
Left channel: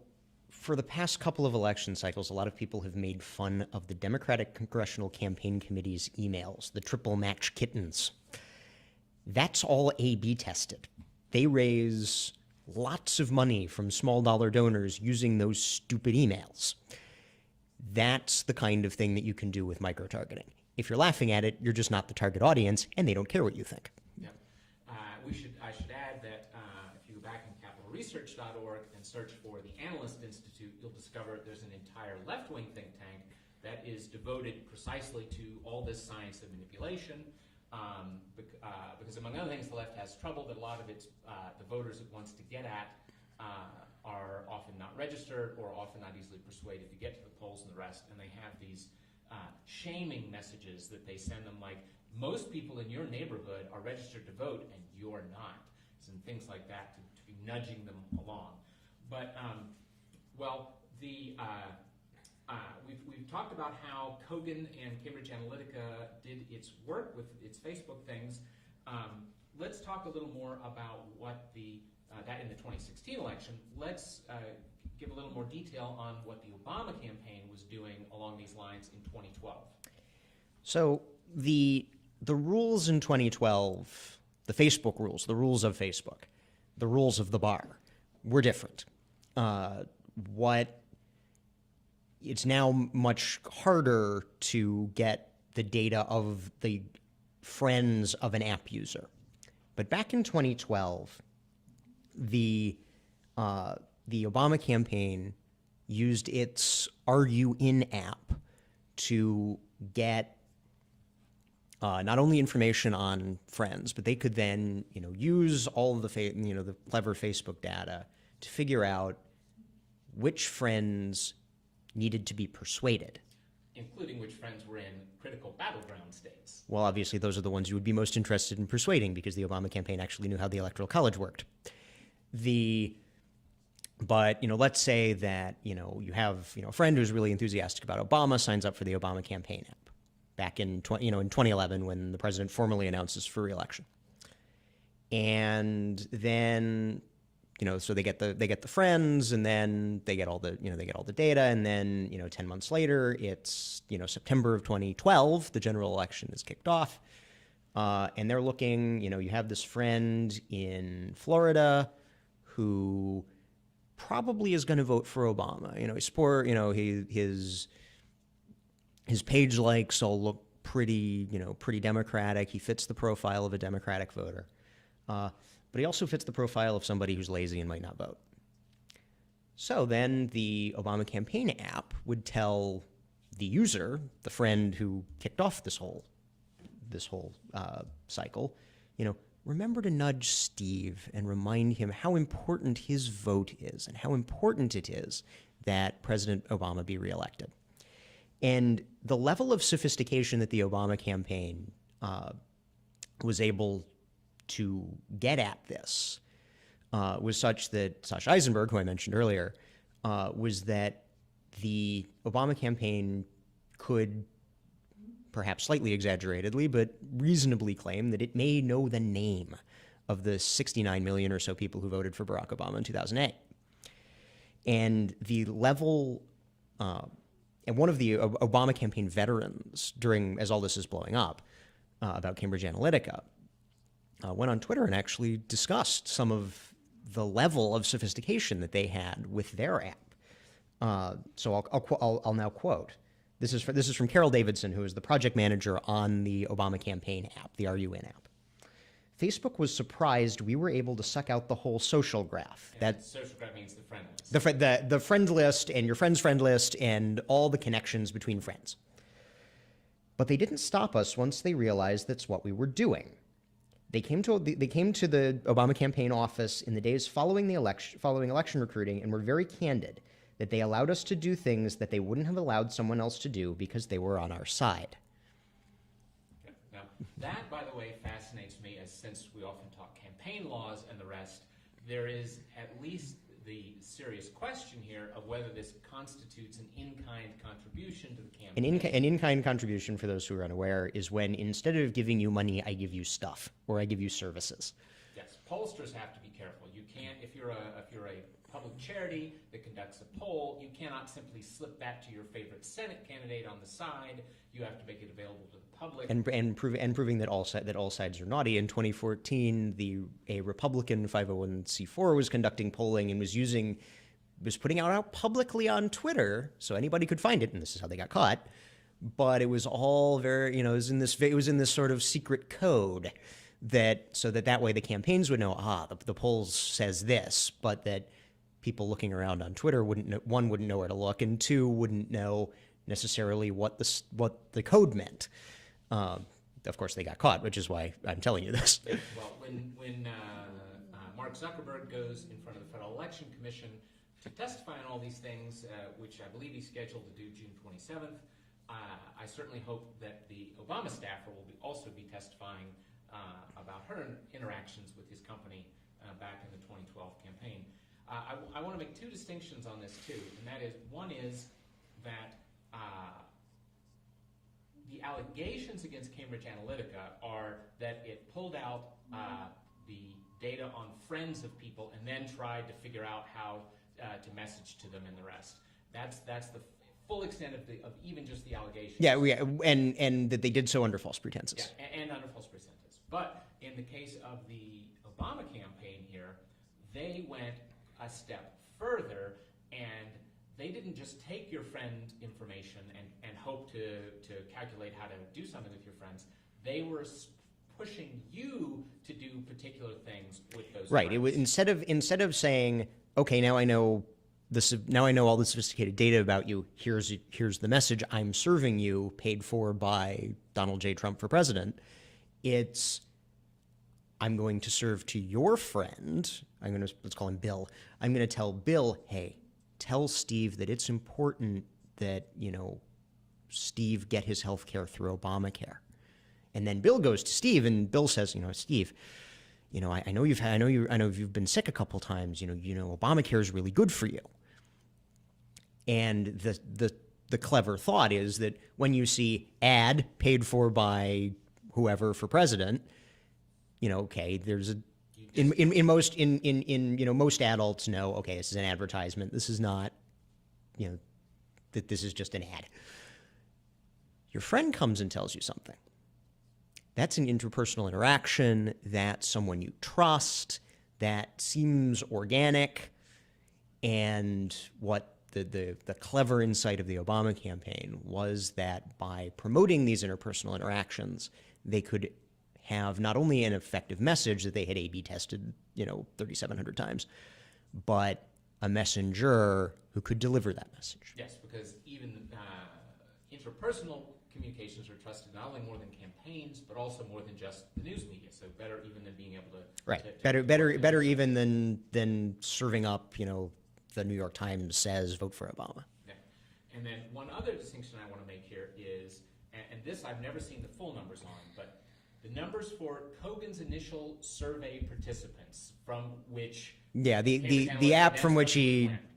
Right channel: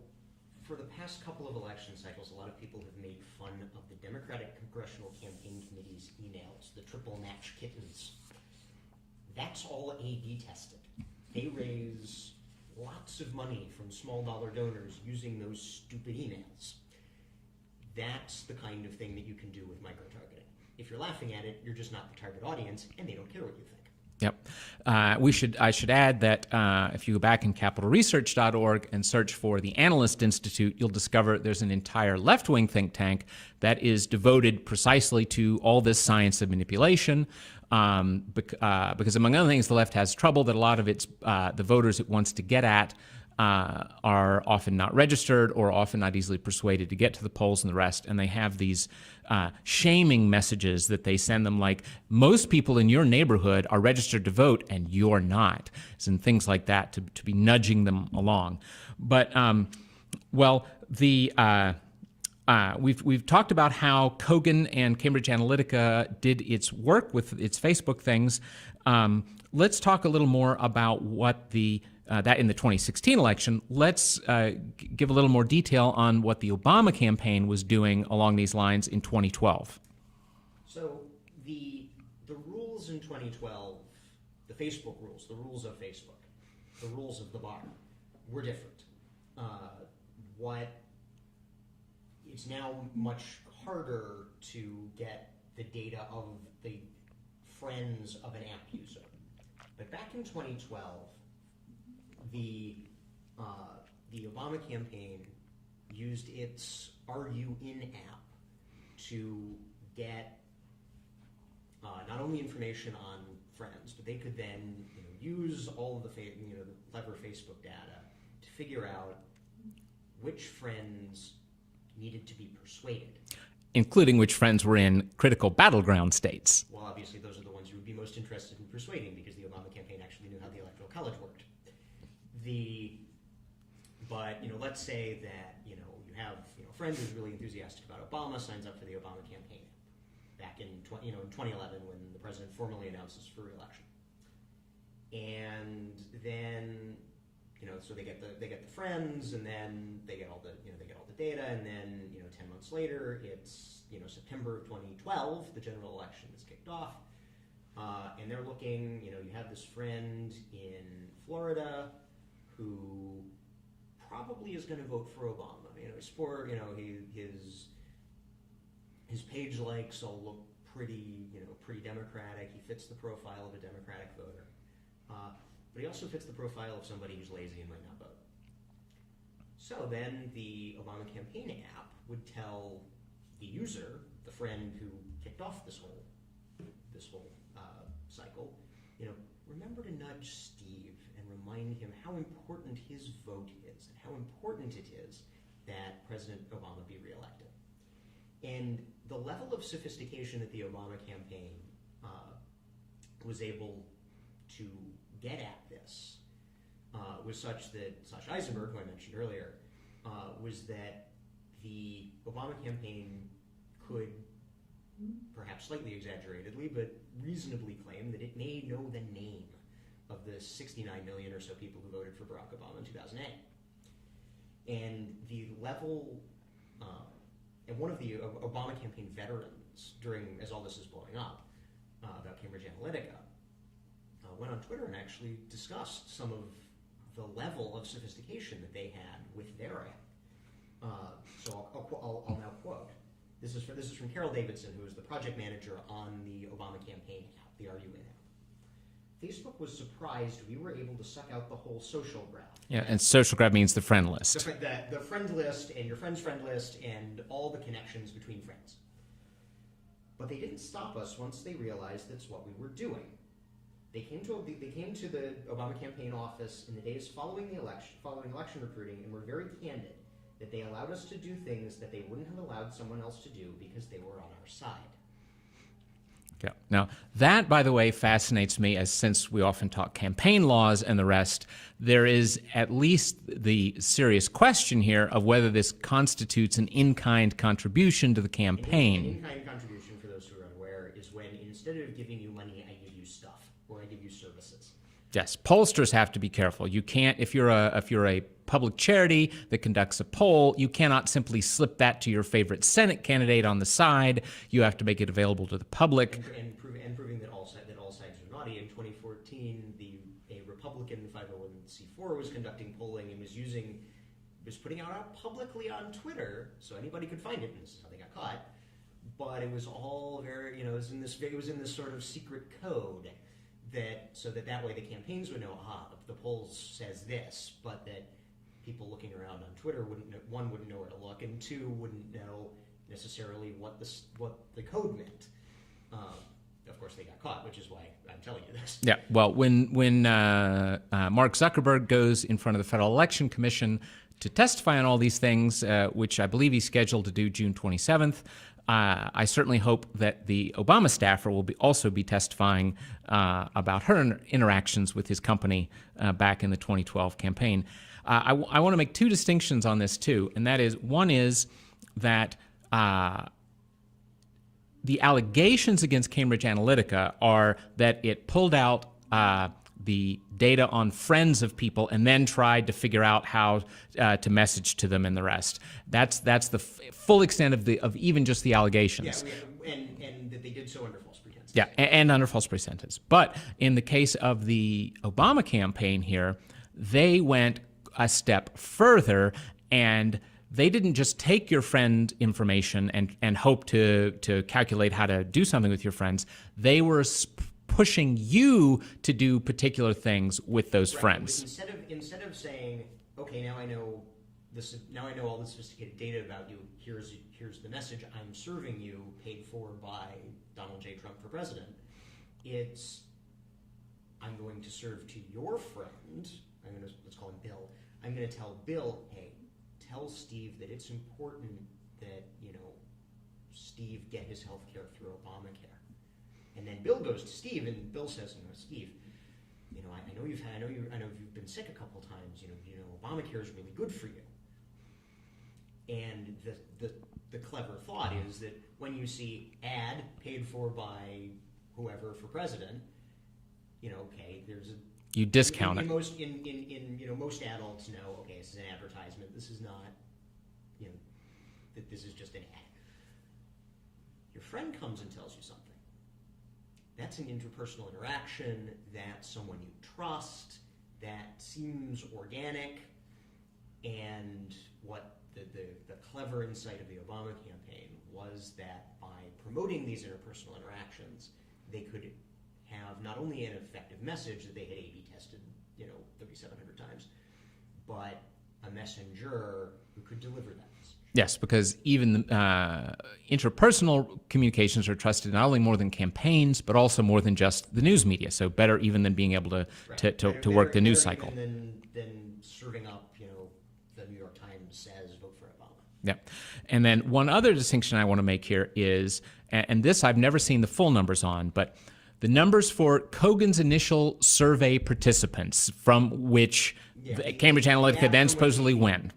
for the past couple of election cycles, a lot of people have made fun of the Democratic Congressional Campaign Committee's emails, the triple match kittens. That's all A/B tested. They raise lots of money from small dollar donors using those stupid emails. That's the kind of thing that you can do with micro-targeting. If you're laughing at it, you're just not the target audience, and they don't care what you think. Yep. I should add that if you go back in capitalresearch.org and search for the Analyst Institute, you'll discover there's an entire left-wing think tank that is devoted precisely to all this science of manipulation. because among other things, the left has trouble that a lot of its the voters it wants to get at are often not registered or often not easily persuaded to get to the polls and the rest, and they have these shaming messages that they send them, like, most people in your neighborhood are registered to vote and you're not, and things like that to be nudging them along. But we've talked about how Kogan and Cambridge Analytica did its work with its Facebook things. Let's talk a little more about what that in the 2016 election. Let's give a little more detail on what the Obama campaign was doing along these lines in 2012. So the rules in 2012, the Facebook rules, the rules of Facebook, the rules of the bar, were different. It's now much harder to get the data of the friends of an app user. But back in 2012, the Obama campaign used its Are You In app to get not only information on friends, but they could then use all of the the clever Facebook data to figure out which friends needed to be persuaded. Including which friends were in critical battleground states. Well, obviously, those are the ones you would be most interested in persuading because the Obama campaign actually knew how the Electoral College worked. But let's say that you have a friend who's really enthusiastic about Obama, signs up for the Obama campaign app back in 2011 when the president formally announces for re-election, and then so they get the friends, and then they get all the data, and then 10 months later, it's September of 2012, the general election is kicked off, and they're looking. You have this friend in Florida who probably is going to vote for Obama. His page likes all look pretty Democratic. He fits the profile of a Democratic voter. But he also fits the profile of somebody who's lazy and might not vote. So then the Obama campaign app would tell the user, the friend who kicked off this whole cycle, remember to nudge Steve and remind him how important his vote is and how important it is that President Obama be reelected. And the level of sophistication that the Obama campaign was able to get at this was such that Sasha Eisenberg, who I mentioned earlier, was that the Obama campaign could, perhaps slightly exaggeratedly, but reasonably claim that it may know the name of the 69 million or so people who voted for Barack Obama in 2008. And the level, and one of the Obama campaign veterans as all this is blowing up about Cambridge Analytica, went on Twitter and actually discussed some of the level of sophistication that they had with their app. So I'll now quote. This is from Carol Davidson, who is the project manager on the Obama campaign app, the Are You In app. Facebook was surprised we were able to suck out the whole social graph. Yeah, and social graph means the friend list. The friend list and your friend's friend list and all the connections between friends. But they didn't stop us once they realized that's what we were doing. They came to the Obama campaign office in the days following election recruiting, and were very candid that they allowed us to do things that they wouldn't have allowed someone else to do because they were on our side. Yeah. Now, that, by the way, fascinates me, as since we often talk campaign laws and the rest, there is at least the serious question here of whether this constitutes an in-kind contribution to the campaign. An in-kind contribution, for those who are unaware, is when instead of giving you money, I give you stuff, or I give you services. Yes, pollsters have to be careful. You can't, if you're a public charity that conducts a poll, you cannot simply slip that to your favorite Senate candidate on the side. You have to make it available to the public. And proving that all sides are naughty. In 2014, a Republican 501c4 was conducting polling and was putting out publicly on Twitter, so anybody could find it, and this is how they got caught. But it was all very, it was in this sort of secret code. That way the campaigns would know, the polls says this, but that people looking around on Twitter wouldn't know where to look, and two, wouldn't know necessarily what the code meant. of course, they got caught, which is why I'm telling you this. Yeah. Well, when Mark Zuckerberg goes in front of the Federal Election Commission to testify on all these things, which I believe he's scheduled to do June 27th, I certainly hope that the Obama staffer will also be testifying about her interactions with his company back in the 2012 campaign. I want to make two distinctions on this too, and that is, one is that the allegations against Cambridge Analytica are that it pulled out the data on friends of people and then tried to figure out how to message to them and the rest. That's the full extent of even just the allegations. Yeah, and that they did so under false pretenses. Yeah, and under false pretenses. But in the case of the Obama campaign here, they went a step further, and they didn't just take your friend information and hope to calculate how to do something with your friends. They were pushing you to do particular things with those friends. Instead of saying, okay, now I know this. Now I know all the sophisticated data about you. Here's the message I'm serving you, paid for by Donald J. Trump for president. It's, I'm going to serve to your friend. Let's call him Bill. I'm going to tell Bill, hey, tell Steve that it's important that, Steve get his health care through Obamacare. And then Bill goes to Steve, and Bill says, Steve, I know you've been sick a couple times. Obamacare is really good for you. And the clever thought is that when you see ad paid for by whoever for president, okay, there's a, you discount in most adults know, okay, this is an advertisement. This is not, that this is just an ad. Your friend comes and tells you something. That's an interpersonal interaction. That's someone you trust. That seems organic. And what the clever insight of the Obama campaign was that by promoting these interpersonal interactions, they could have not only an effective message that they had A/B tested, 3,700 times, but a messenger who could deliver that message. Yes, because even interpersonal communications are trusted not only more than campaigns, but also more than just the news media. So better even than being able to work the news cycle. Better even than serving up, the New York Times says vote for Obama. Yeah. And then one other distinction I want to make here is, and this I've never seen the full numbers on, but the numbers for Kogan's initial survey participants, from which Cambridge Analytica then supposedly went.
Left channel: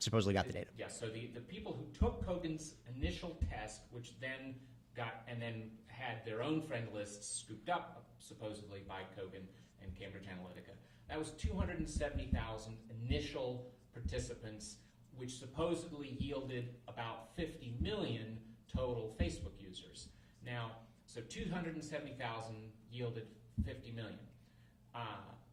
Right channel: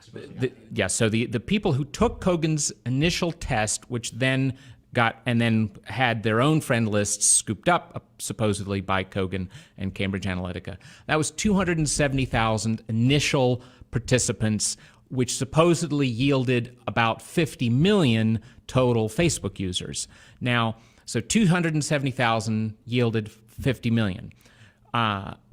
Supposedly got the data. Yeah, so the people who took Kogan's initial test, which then had their own friend lists scooped up, supposedly by Kogan and Cambridge Analytica. That was 270,000 initial participants, which supposedly yielded about 50 million total Facebook users. Now, so 270,000 yielded 50 million.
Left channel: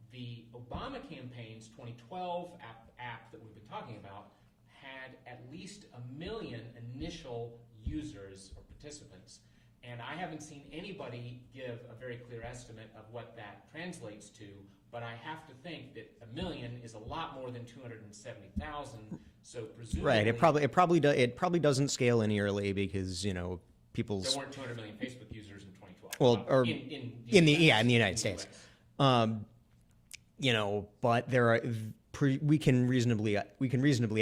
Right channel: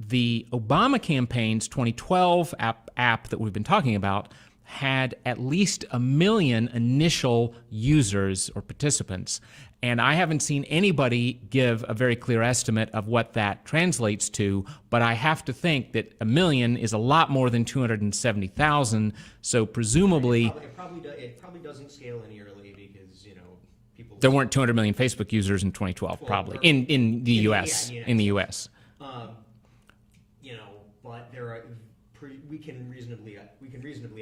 The Obama campaign's 2012 app that we've been talking about had at least 1 million initial users or participants. And I haven't seen anybody give a very clear estimate of what that translates to, but I have to think that 1 million is a lot more than 270,000. So presumably, right. It probably doesn't scale linearly because there weren't 200 million Facebook users in 2012, probably in the U.S. In the U.S. But there are. We can reasonably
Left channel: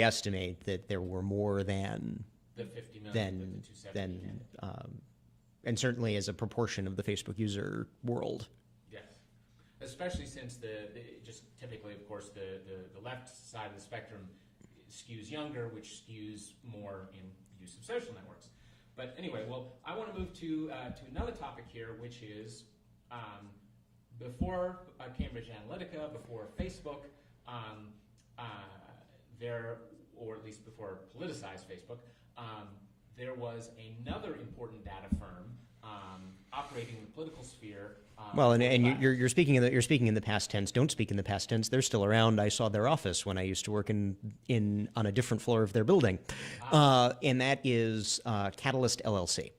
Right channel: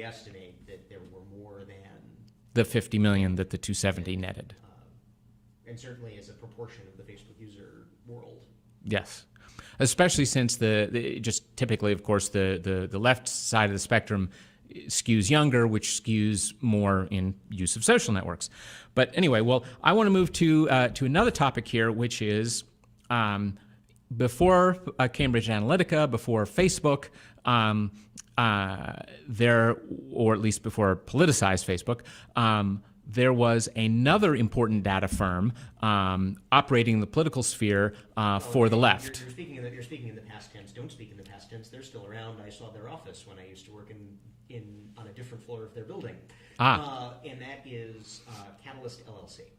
estimate that there were more than the 50 million that the 270 netted, and certainly as a proportion of the Facebook user world. Yes, especially since just typically, of course, the left side of the spectrum skews younger, which skews more in use of social networks. But anyway, well, I want to move to another topic here, which is before Cambridge Analytica, before Facebook, or at least before politicized Facebook, there was another important data firm operating in the political sphere for the left. You're speaking in the past tense. Don't speak in the past tense. They're still around. I saw their office when I used to work on a different floor of their building, and that is Catalyst LLC.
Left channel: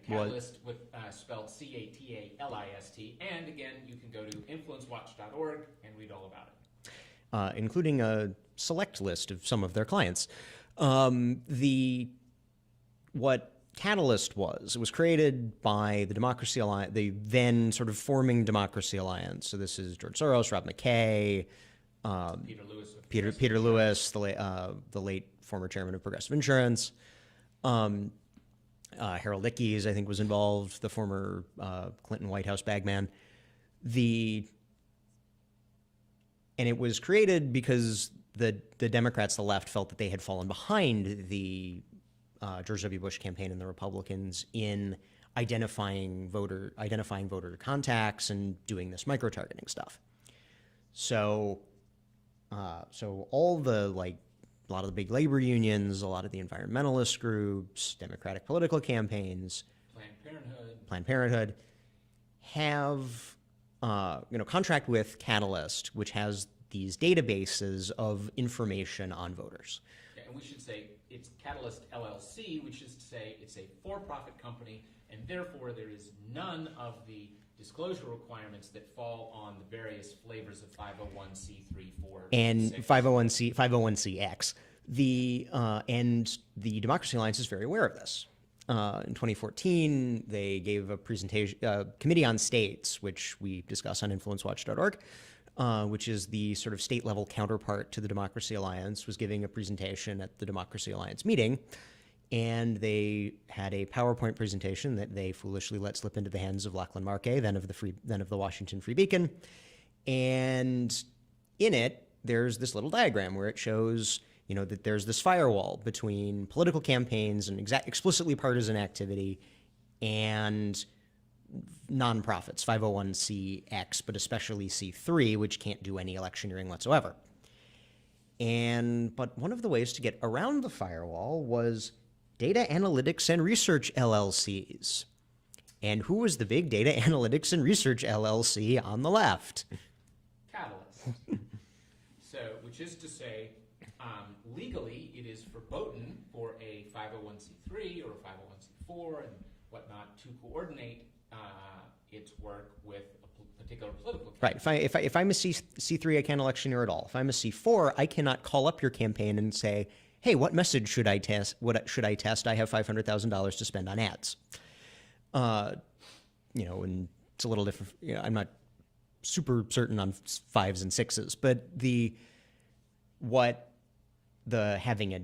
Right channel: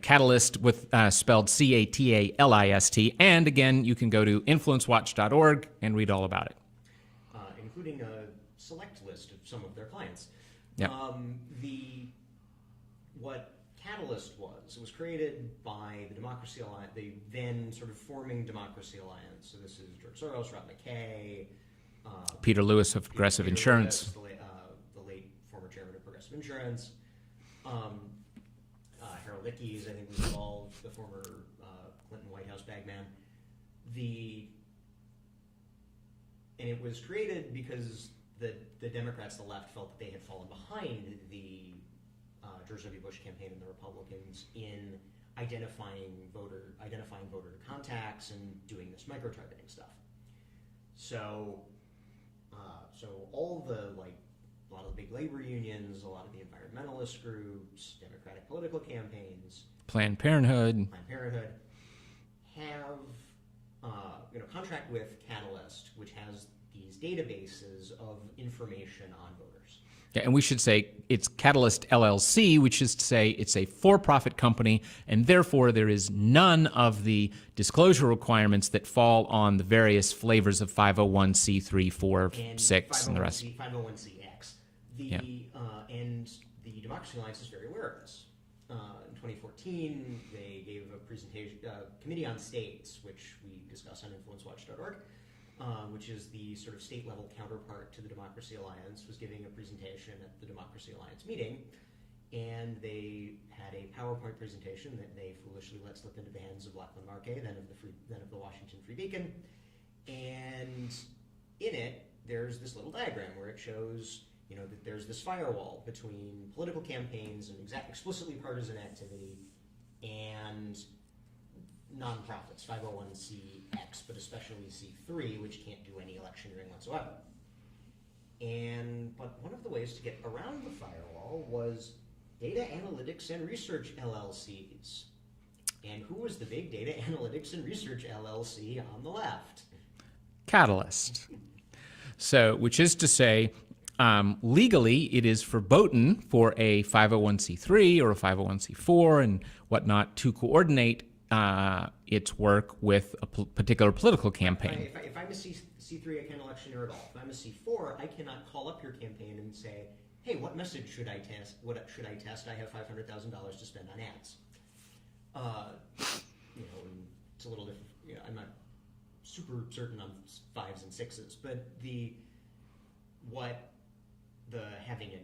Catalyst with spelled CATALIST. And again, you can go to InfluenceWatch.org and read all about it, including a select list of some of their clients. Yeah. Catalyst was. It was created by the Democracy Alliance, the then sort of forming Democracy Alliance. So this is George Soros, Rob McKay, Peter Lewis of Progressive Peter Insurance. Lewis, the late former chairman of Progressive Insurance. Harold Ickes, I think, was involved, the former Clinton White House bagman. And it was created because the Democrats, the left, felt that they had fallen behind the George W. Bush campaign and the Republicans in identifying voter contacts and doing this micro-targeting stuff. So all the a lot of the big labor unions, a lot of the environmentalist groups, Democratic political campaigns, Planned Parenthood have contract with Catalyst, which has these databases of information on voters. Yeah, and we should say it's Catalyst LLC, which is to say it's a for-profit company, and therefore there is none of the disclosure requirements that fall on the various flavors of 501c3, 4, and 6. 501cx. And the Democracy Alliance is very aware of this. In 2014, they gave a presentation, Committee on States, which we discuss on InfluenceWatch.org, which is the sort of state-level counterpart to the Democracy Alliance, was giving a presentation at the Democracy Alliance meeting, and they had a PowerPoint presentation that they foolishly let slip into the hands of Lachlan Markay, then of the Washington Free Beacon, and in it, there's this little diagram where it shows that there's this firewall between political campaigns and explicitly partisan activity and nonprofits, 501cx, but especially C3, which can't do any electioneering whatsoever. But one of the ways to get around the firewall was data analytics and research LLCs. And who was the big data analytics and research LLC on the left? Catalyst. So, which is to say, legally, it is verboten for a 501c3 or a 501c4 and whatnot to coordinate its work with a particular political campaign. Right. If I'm a C3, I can't electioneer at all. If I'm a C4, I cannot call up your campaign and say, hey, what message should I test? What should I test? I have $500,000 to spend on ads. And it's a little different. I'm not super certain on 5s and 6s, but having a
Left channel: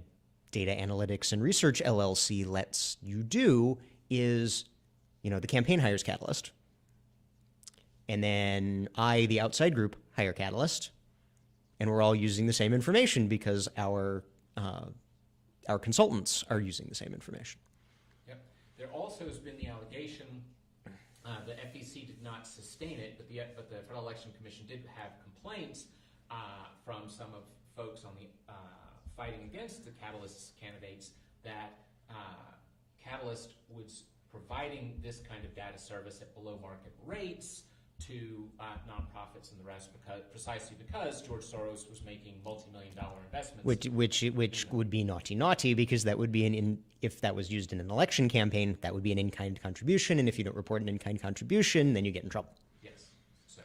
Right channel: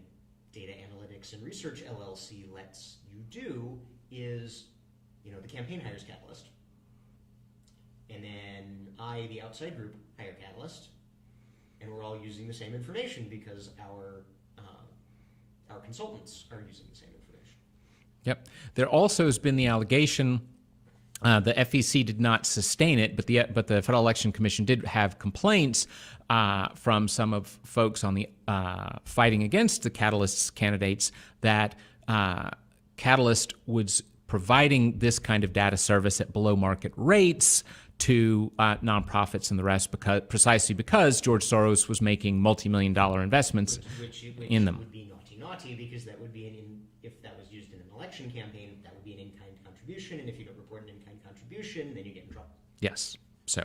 data analytics and research LLC lets you do is, the campaign hires Catalyst, and then I, the outside group, hire Catalyst, and we're all using the same information because our consultants are using the same information. Yep. There also has been the allegation, the FEC did not sustain it, but the Federal Election Commission did have complaints from some of folks on the fighting against the Catalyst's candidates that Catalyst was providing this kind of data service at below market rates to nonprofits and the rest, precisely because George Soros was making multi-million-dollar investments, which would be naughty, because that would be if that was used in an election campaign, that would be an in-kind contribution, and if you don't report an in-kind contribution, then you get in trouble. Yes. So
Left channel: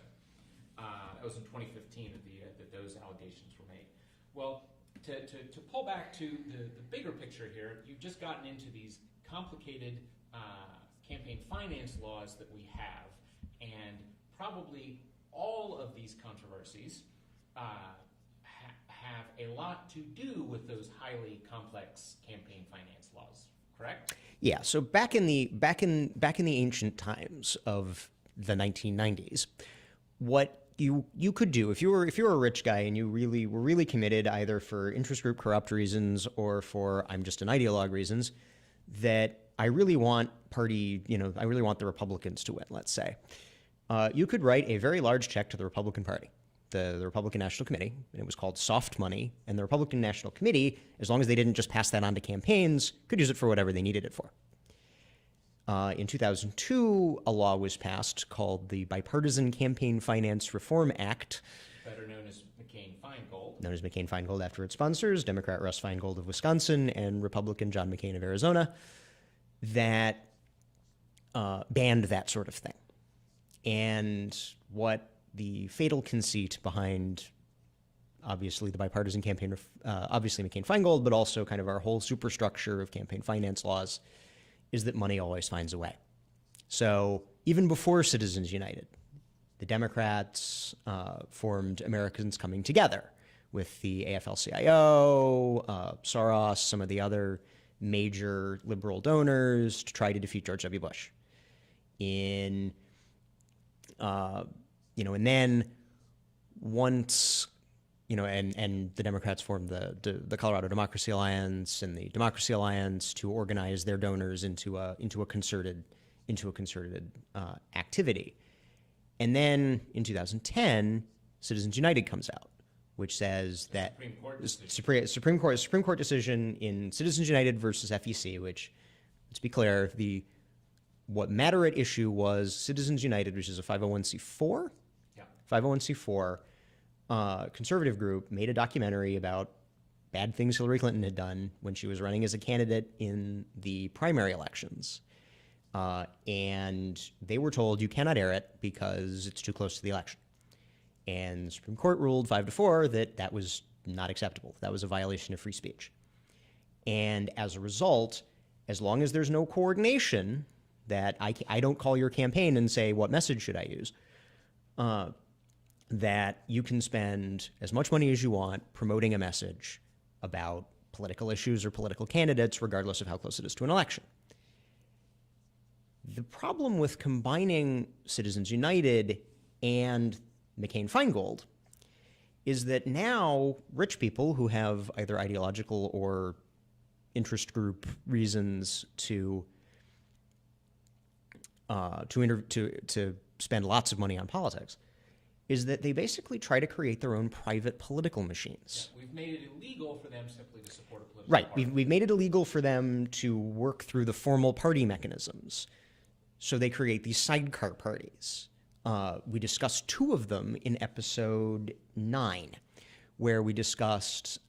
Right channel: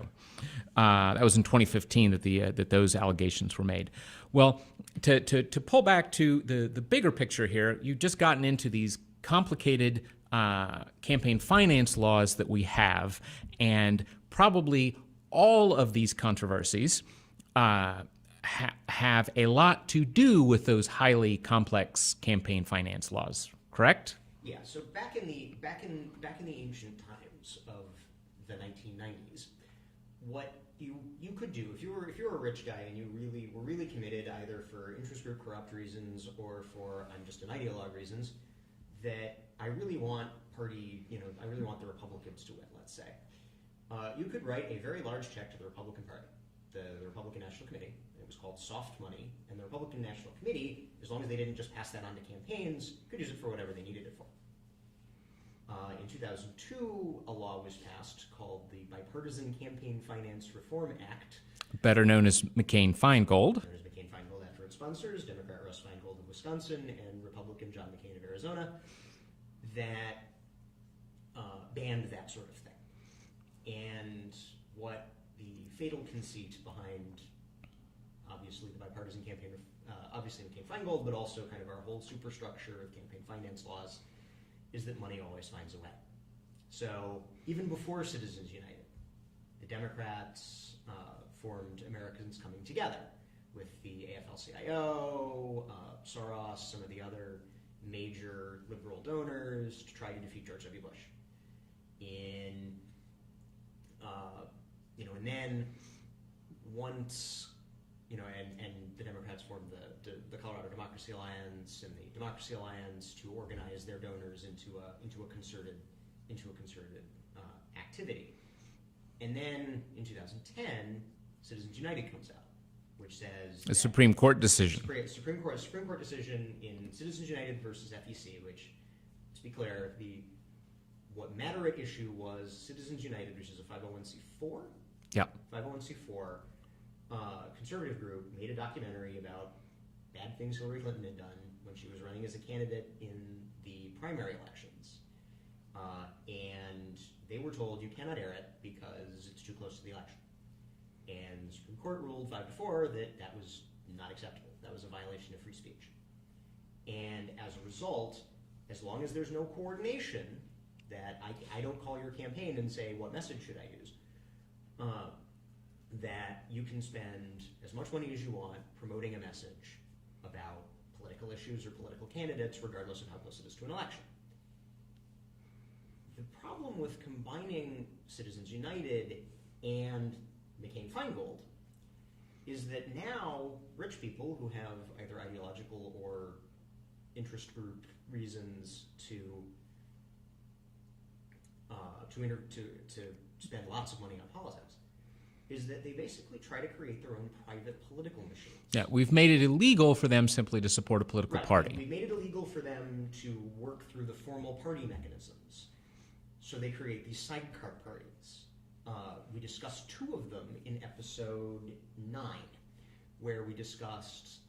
that was in 2015 that those allegations were made. Well, to pull back to the bigger picture here, you've just gotten into these complicated campaign finance laws that we have, and probably all of these controversies have a lot to do with those highly complex campaign finance laws. Correct? Yeah. So back in the ancient times of the 1990s, what you could do if you were a rich guy and you were really committed, either for interest group corrupt reasons or for I'm just an ideologue reasons, that I really want the Republicans to win, let's say. You could write a very large check to the Republican Party, the Republican National Committee, and it was called soft money. And the Republican National Committee, as long as they didn't just pass that on to campaigns, could use it for whatever they needed it for. In 2002, a law was passed called the Bipartisan Campaign Finance Reform Act. Better known as McCain-Feingold. Known as McCain-Feingold after its sponsors, Democrat Russ Feingold of Wisconsin and Republican John McCain of Arizona, that banned that sort of thing. And what the fatal conceit behind, obviously, the bipartisan campaign, obviously McCain-Feingold, but also kind of our whole superstructure of campaign finance laws, is that money always finds a way. So even before Citizens United, the Democrats formed Americans Coming Together with the AFL-CIO, Soros, some of the other major liberal donors to try to defeat George W. Bush. And then once, and the Democrats formed the Colorado Democracy Alliance and the Democracy Alliance to organize their donors into a concerted activity. And then in 2010, Citizens United comes out, which says A that Supreme Court decision. Supreme Court decision in Citizens United versus FEC, which, let's be clear, what matter at issue was Citizens United, which is a 501c4. Yeah. 501c4 conservative group made a documentary about bad things Hillary Clinton had done when she was running as a candidate in the primary elections. And they were told you cannot air it because it's too close to the election. And the Supreme Court ruled 5-4 that was not acceptable. That was a violation of free speech. And as a result, as long as there's no coordination, that I don't call your campaign and say, what message should I use? That you can spend as much money as you want promoting a message about political issues or political candidates, regardless of how close it is to an election. The problem with combining Citizens United and McCain-Feingold is that now rich people who have either ideological or interest group reasons to spend lots of money on politics is that they basically try to create their own private political machines. Yeah, we've made it illegal for them simply to support a political party. We've made it illegal for them to work through the formal party mechanisms. So they create these sidecar parties. We discussed two of them in episode 9, where we discussed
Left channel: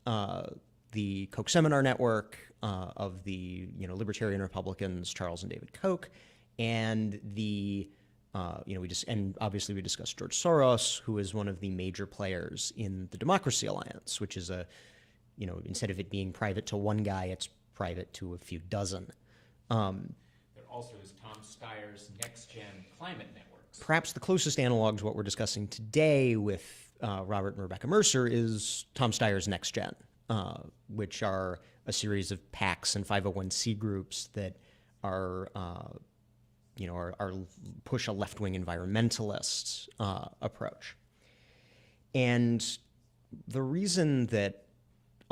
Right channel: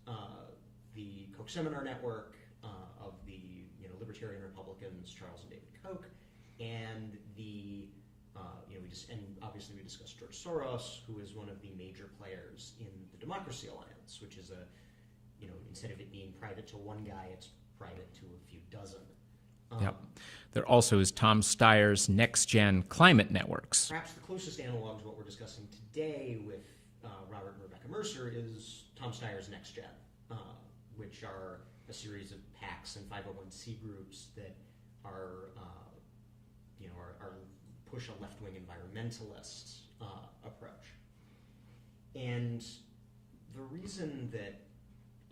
the Koch Seminar Network of the Libertarian Republicans, Charles and David Koch, and and obviously we discussed George Soros, who is one of the major players in the Democracy Alliance, which is instead of it being private to one guy, it's private to a few dozen. There also is Tom Steyer's Next Gen Climate Networks. Perhaps the closest analog to what we're discussing today with Robert and Rebecca Mercer is Tom Steyer's Next Gen, which are a series of PACs and 501c groups that are push a left-wing environmentalist approach. And the reason that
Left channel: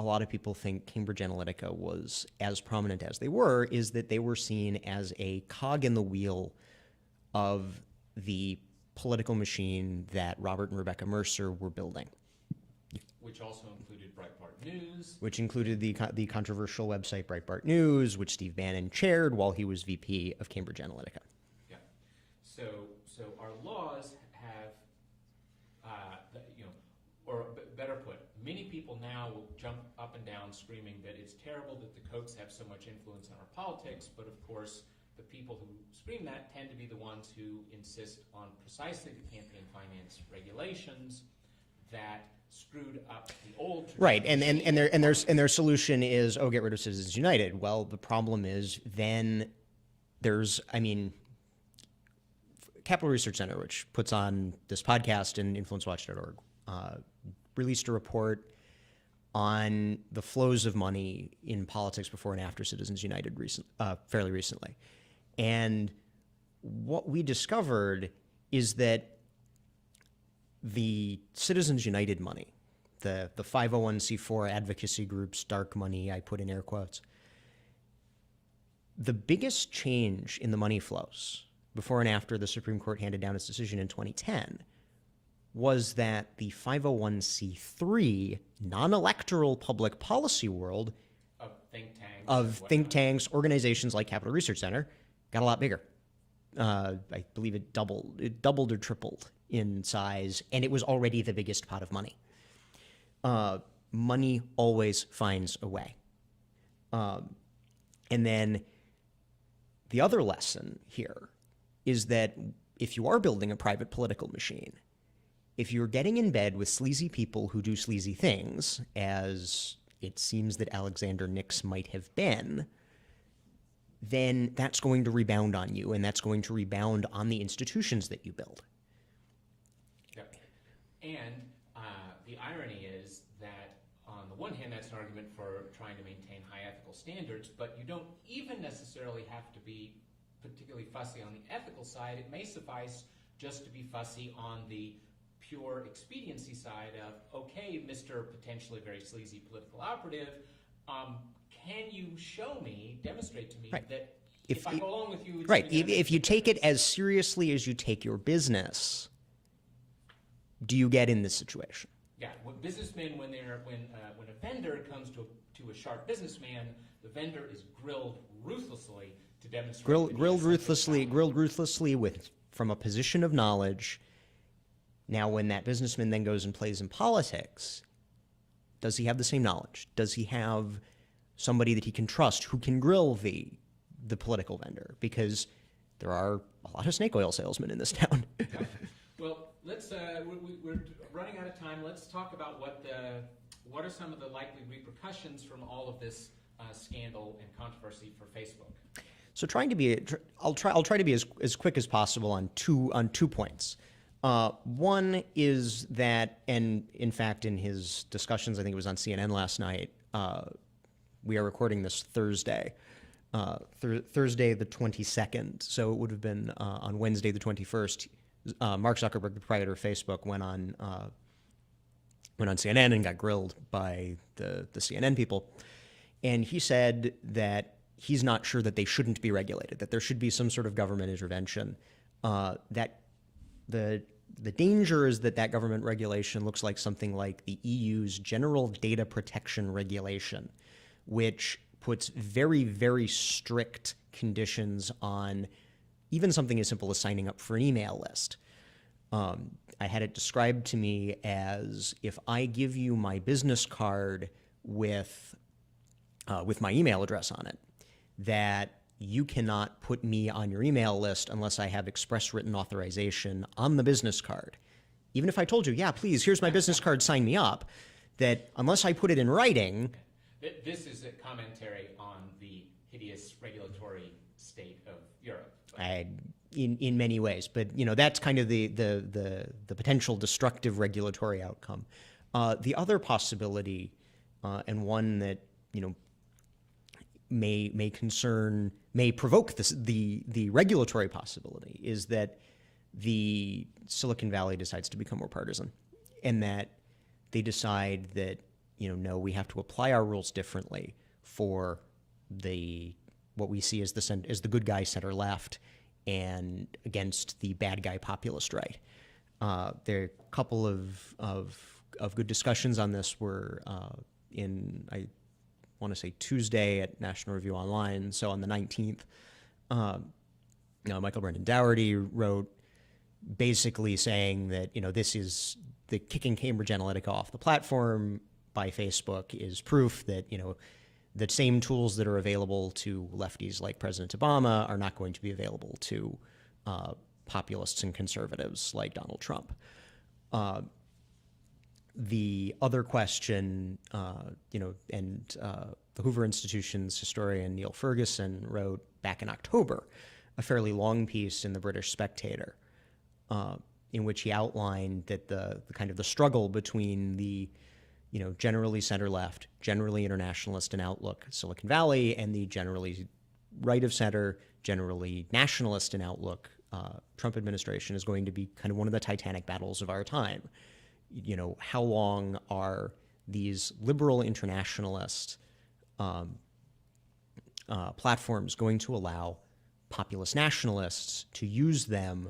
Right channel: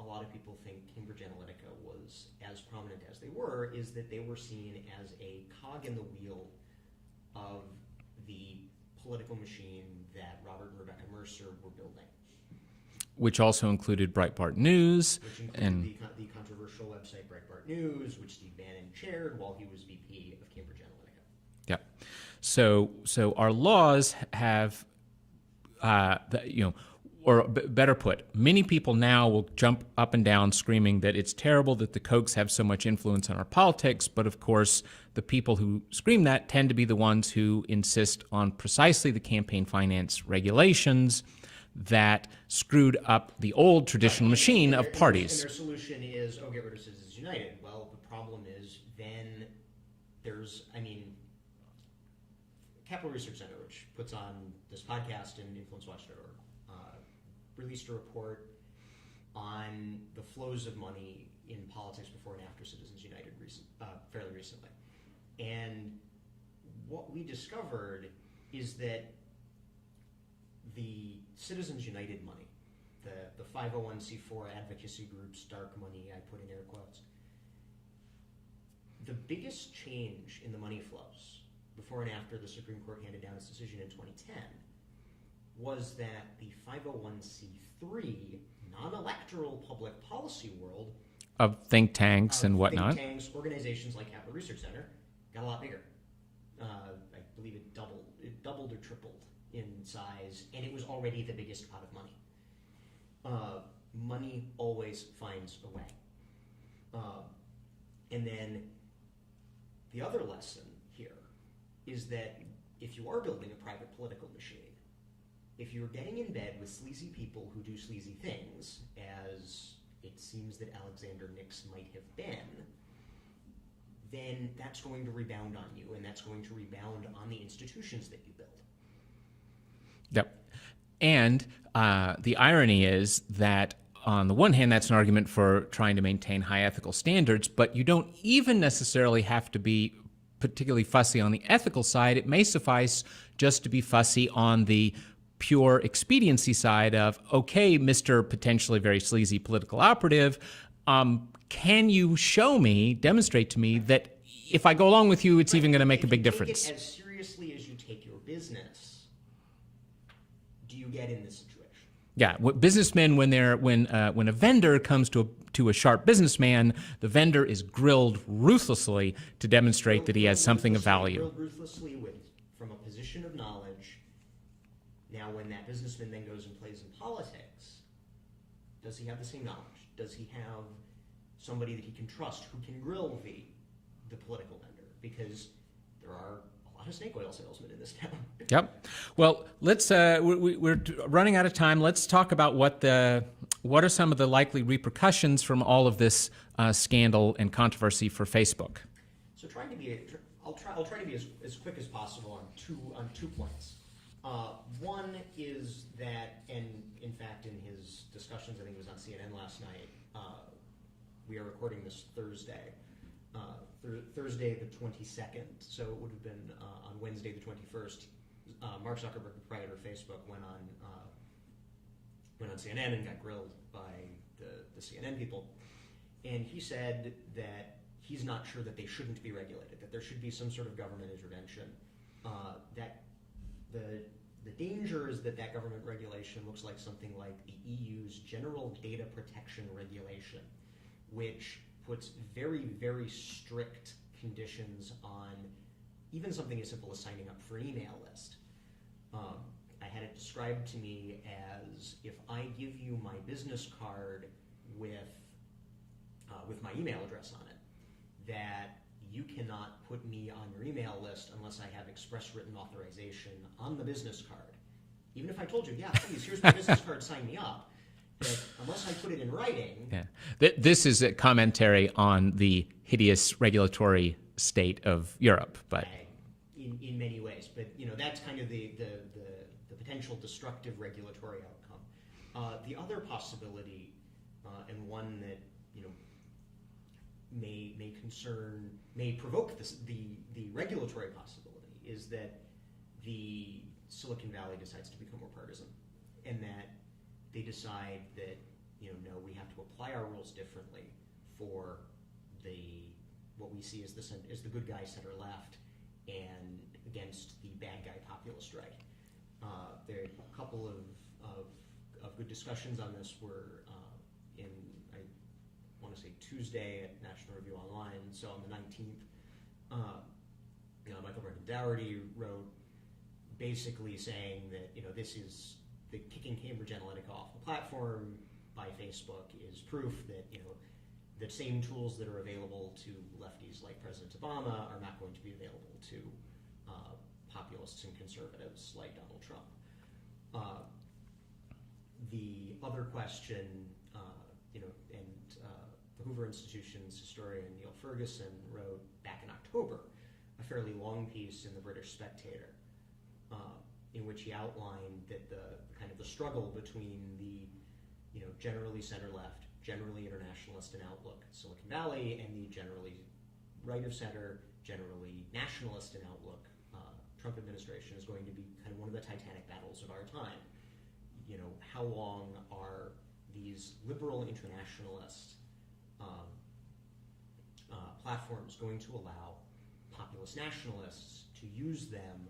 a lot of people think Cambridge Analytica was as prominent as they were is that they were seen as a cog in the wheel of the political machine that Robert and Rebecca Mercer were building. Which also included Breitbart News. Which included the controversial website Breitbart News, which Steve Bannon chaired while he was VP of Cambridge Analytica. Yeah. So our laws have, or better put, many people now will jump up and down screaming that it's terrible that the Kochs have so much influence on our politics, but of course the people who scream that tend to be the ones who insist on precisely the campaign finance regulations that screwed up the old traditional machine of parties. And their solution is, get rid of Citizens United. Well, the problem is then there's, Capital Research Center, which puts on this podcast and InfluenceWatch.org, released a report on the flows of money in politics before and after Citizens United fairly recently. And what we discovered is that the Citizens United money, the 501c4 advocacy groups, dark money, I put in air quotes, the biggest change in the money flows before and after the Supreme Court handed down its decision in 2010 was that the 501c3 non-electoral public policy world of think tanks and whatnot. Think tanks, organizations like Capital Research Center got a lot bigger. I believe it doubled or tripled in size, and it was already the biggest pot of money. Money always finds a way. And then the other lesson here is that if you are building a private political machine, if you're getting in bed with sleazy people who do sleazy things, as it seems that Alexander Nix might have been, then that's going to rebound on you, and that's going to rebound on the institutions that you build. Yep. And the irony is that on the one hand, that's an argument for trying to maintain high ethical standards, but you don't even necessarily have to be particularly fussy on the ethical side. It may suffice just to be fussy on the pure expediency side of, okay, Mr. potentially very sleazy political operative, can you show me, demonstrate to me that if I go along with you, it's even going to make a big difference? If you take it as seriously as you take your business, do you get in this situation? Yeah, what businessmen, when a vendor comes to a sharp businessman, the vendor is grilled ruthlessly to demonstrate that he has something of value. Grilled ruthlessly from a position of knowledge. Now, when that businessman then goes and plays in politics, does he have the same knowledge? Does he have somebody that he can trust who can grill the political vendor? Because there are a lot of snake oil salesmen in this town. Yep. Well, let's. We're running out of time. Let's talk about what are some of the likely repercussions from all of this scandal and controversy for Facebook. So, I'll try to be as quick as possible on two points. One is that, and in fact, in his discussions, I think it was on CNN last night. We are recording this Thursday. Thursday the 22nd, so it would have been on Wednesday the 21st. Mark Zuckerberg, the proprietor of Facebook, went on CNN and got grilled by the CNN people, and he said that he's not sure that they shouldn't be regulated, that there should be some sort of government intervention. That the danger is that government regulation looks like something like the EU's General Data Protection Regulation, which puts very, very strict conditions on even something as simple as signing up for an email list. I had it described to me as, if I give you my business card with my email address on it, that you cannot put me on your email list unless I have express written authorization on the business card. Even if I told you, yeah, please, here's my business card, sign me up, that unless I put it in writing... Yeah. This is a commentary on the hideous regulatory state of Europe. But in many ways, but that's kind of the potential destructive regulatory outcome. The other possibility, and one that may provoke the regulatory possibility, is that the Silicon Valley decides to become more partisan, and that they decide that no, we have to apply our rules differently for what we see as the good guy center left, and against the bad guy populist right. There are a couple of good discussions on this were I want to say Tuesday at National Review Online. So on the 19th, Michael Brendan Dougherty wrote basically saying that this is the kicking Cambridge Analytica off the platform by Facebook is proof that the same tools that are available to lefties like President Obama are not going to be available to populists and conservatives like Donald Trump. The other question, and the Hoover Institution's historian Neil Ferguson wrote back in October a fairly long piece in the British Spectator, in which he outlined that the kind of the struggle between the generally center-left, generally internationalist in outlook Silicon Valley, and the generally right-of-center, generally nationalist in outlook Trump administration is going to be kind of one of the titanic battles of our time. How long are these liberal internationalist platforms going to allow populist nationalists to use them,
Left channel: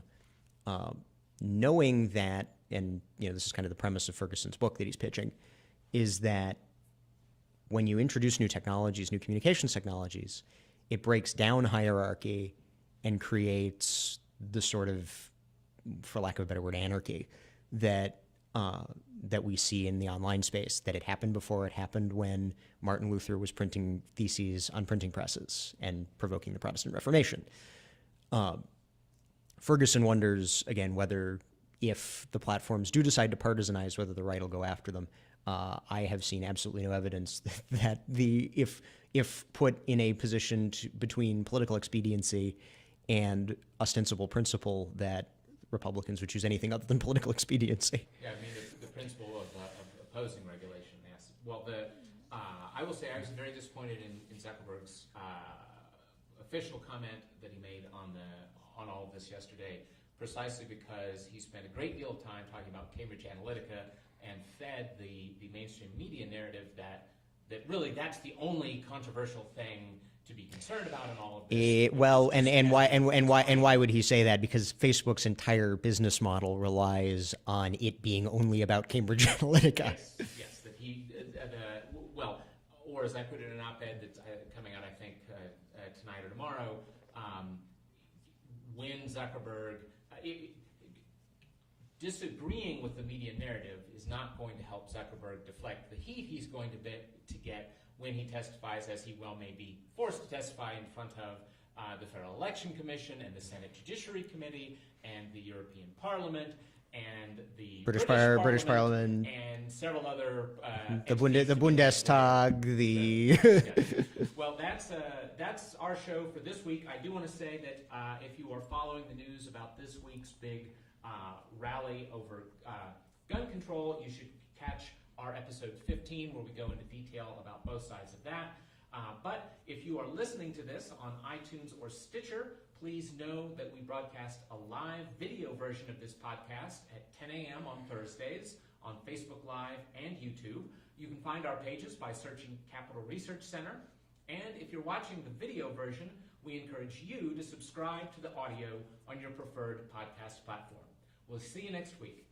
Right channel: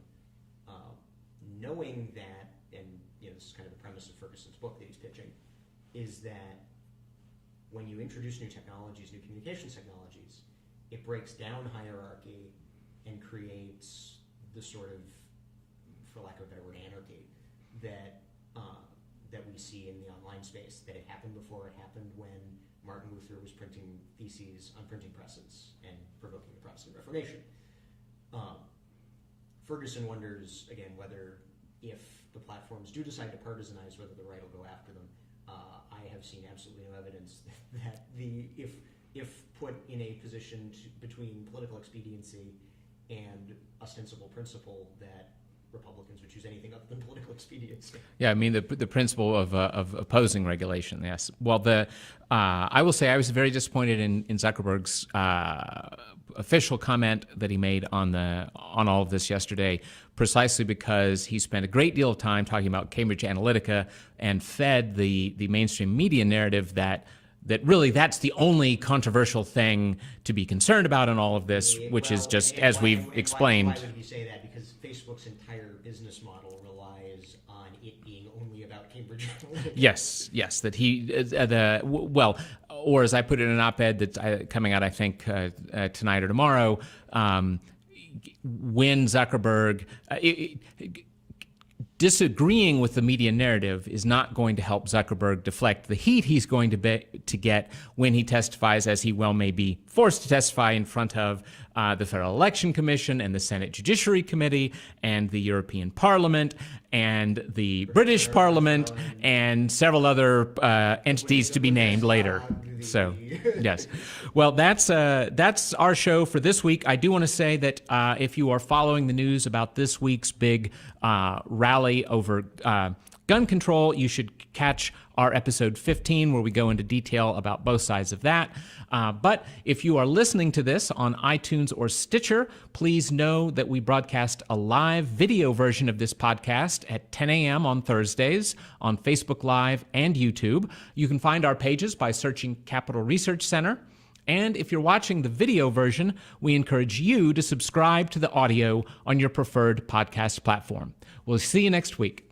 knowing that, and this is kind of the premise of Ferguson's book that he's pitching, is that when you introduce new technologies, new communications technologies, it breaks down hierarchy and creates the sort of, for lack of a better word, anarchy that we see in the online space. That it happened before. It happened when Martin Luther was printing theses on printing presses and provoking the Protestant Reformation. Ferguson wonders, again, whether if the platforms do decide to partisanize, whether the right will go after them. I have seen absolutely no evidence that if if put in a position between political expediency and ostensible principle, that Republicans would choose anything other than political expediency. Yeah, I mean the principle of opposing regulation. Yes. Well, I will say I was very disappointed in Zuckerberg's official comment that he made on all of this yesterday, precisely because he spent a great deal of time talking about Cambridge Analytica and fed the mainstream media narrative that really that's the only controversial thing to be concerned about in all of this, which is just as we explained. And why would he say that? Because Facebook's entire business model relies on it being only about Cambridge Analytica. Yes, that he or as I put it in an op-ed that's coming out, I think tonight or tomorrow, when Zuckerberg. Disagreeing with the media narrative is not going to help Zuckerberg deflect the heat he's going to get when he testifies, as he well may be forced to testify in front of the Federal Election Commission and the Senate Judiciary Committee and the European Parliament and the British Parliament and several other entities to be named later. Yes. Well, that's our show for this week. I do want to say that if you are following the news about this week's big rally over gun control, you should catch our episode 15, where we go into detail about both sides of that. But if you are listening to this on iTunes or Stitcher, please know that we broadcast a live video version of this podcast at 10 a.m. on Thursdays on Facebook Live and YouTube. You can find our pages by searching Capital Research Center. And if you're watching the video version, we encourage you to subscribe to the audio on your preferred podcast platform. We'll see you next week.